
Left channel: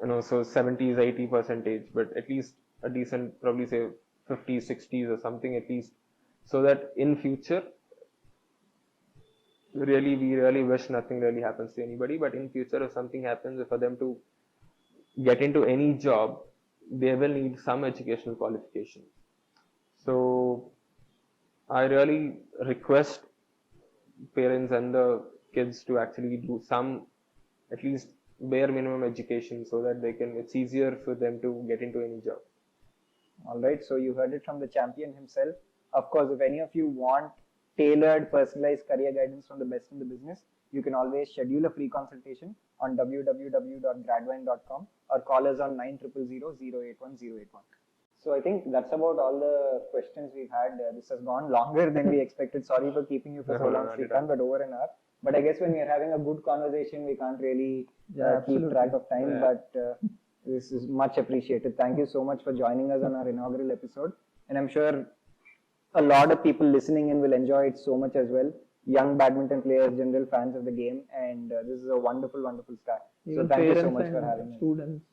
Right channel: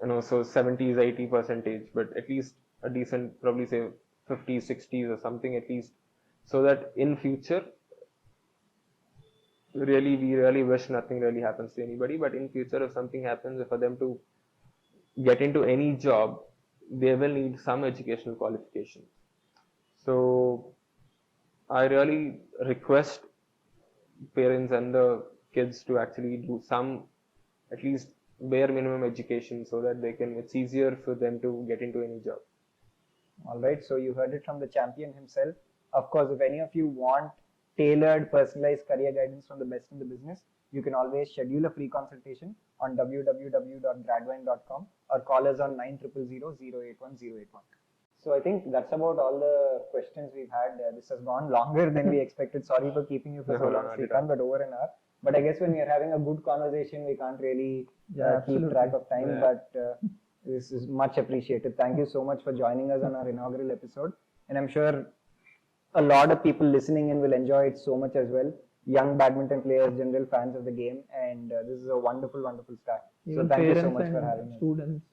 so 70s, 80%, but at least a decent, probably say 50s, 60s or something at least, so that in future, we really wish nothing really happens to anybody, but in future if something happens, for them to get into any job, they will need some educational qualification. So I really request parents and the kids to actually do some, at least bare minimum education, so that it's easier for them to get into any job. Alright, so you heard it from the champion himself. Of course, if any of you want tailored, personalized career guidance from the best in the business, you can always schedule a free consultation on www.gradwine.com or call us on 9000081081. So I think that's about all the questions we've had. This has gone longer than we expected. Sorry for keeping you for so long, Srikanth, but over an hour. But I guess when we're having a good conversation, we can't really keep track of time. Yeah. But this is much appreciated. Thank you so much for joining us on our inaugural episode. And I'm sure a lot of people listening in will enjoy it so much as well. young badminton players, general fans of the game, and this is a wonderful, wonderful start. Even So thank you parents so much for and having us. students,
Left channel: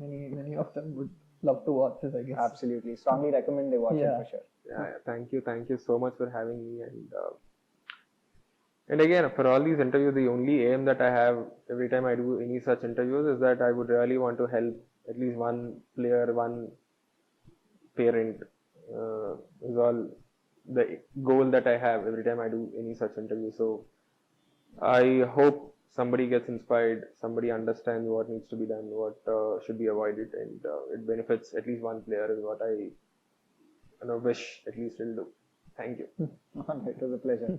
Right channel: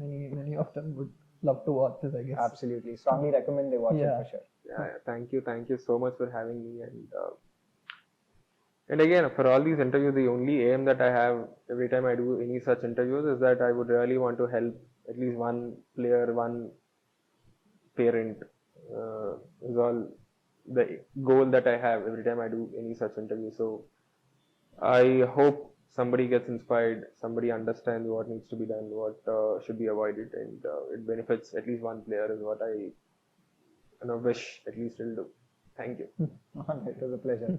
many of them would love to watch this, I guess. Absolutely, strongly recommend they watch it Yeah. for sure. Thank you so much for having me. And again, for all these interviews, the only aim that I have every time I do any such interviews is that I would really want to help at least one player, one parent. Is all the goal that I have every time I do any such interview. So I hope somebody gets inspired, somebody understands what needs to be done, what should be avoided, and it benefits at least one player is what I wish at least will do. Thank you. It was a pleasure.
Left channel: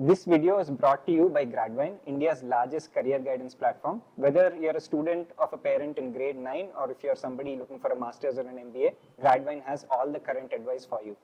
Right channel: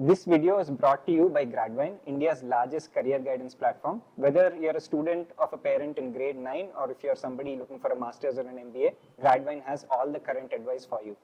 This video is brought to you by Gradvine, India's largest career guidance platform. Whether you're a student of a parent in grade 9 or if you're somebody looking for a master's or an MBA, Gradvine has all the current advice for you.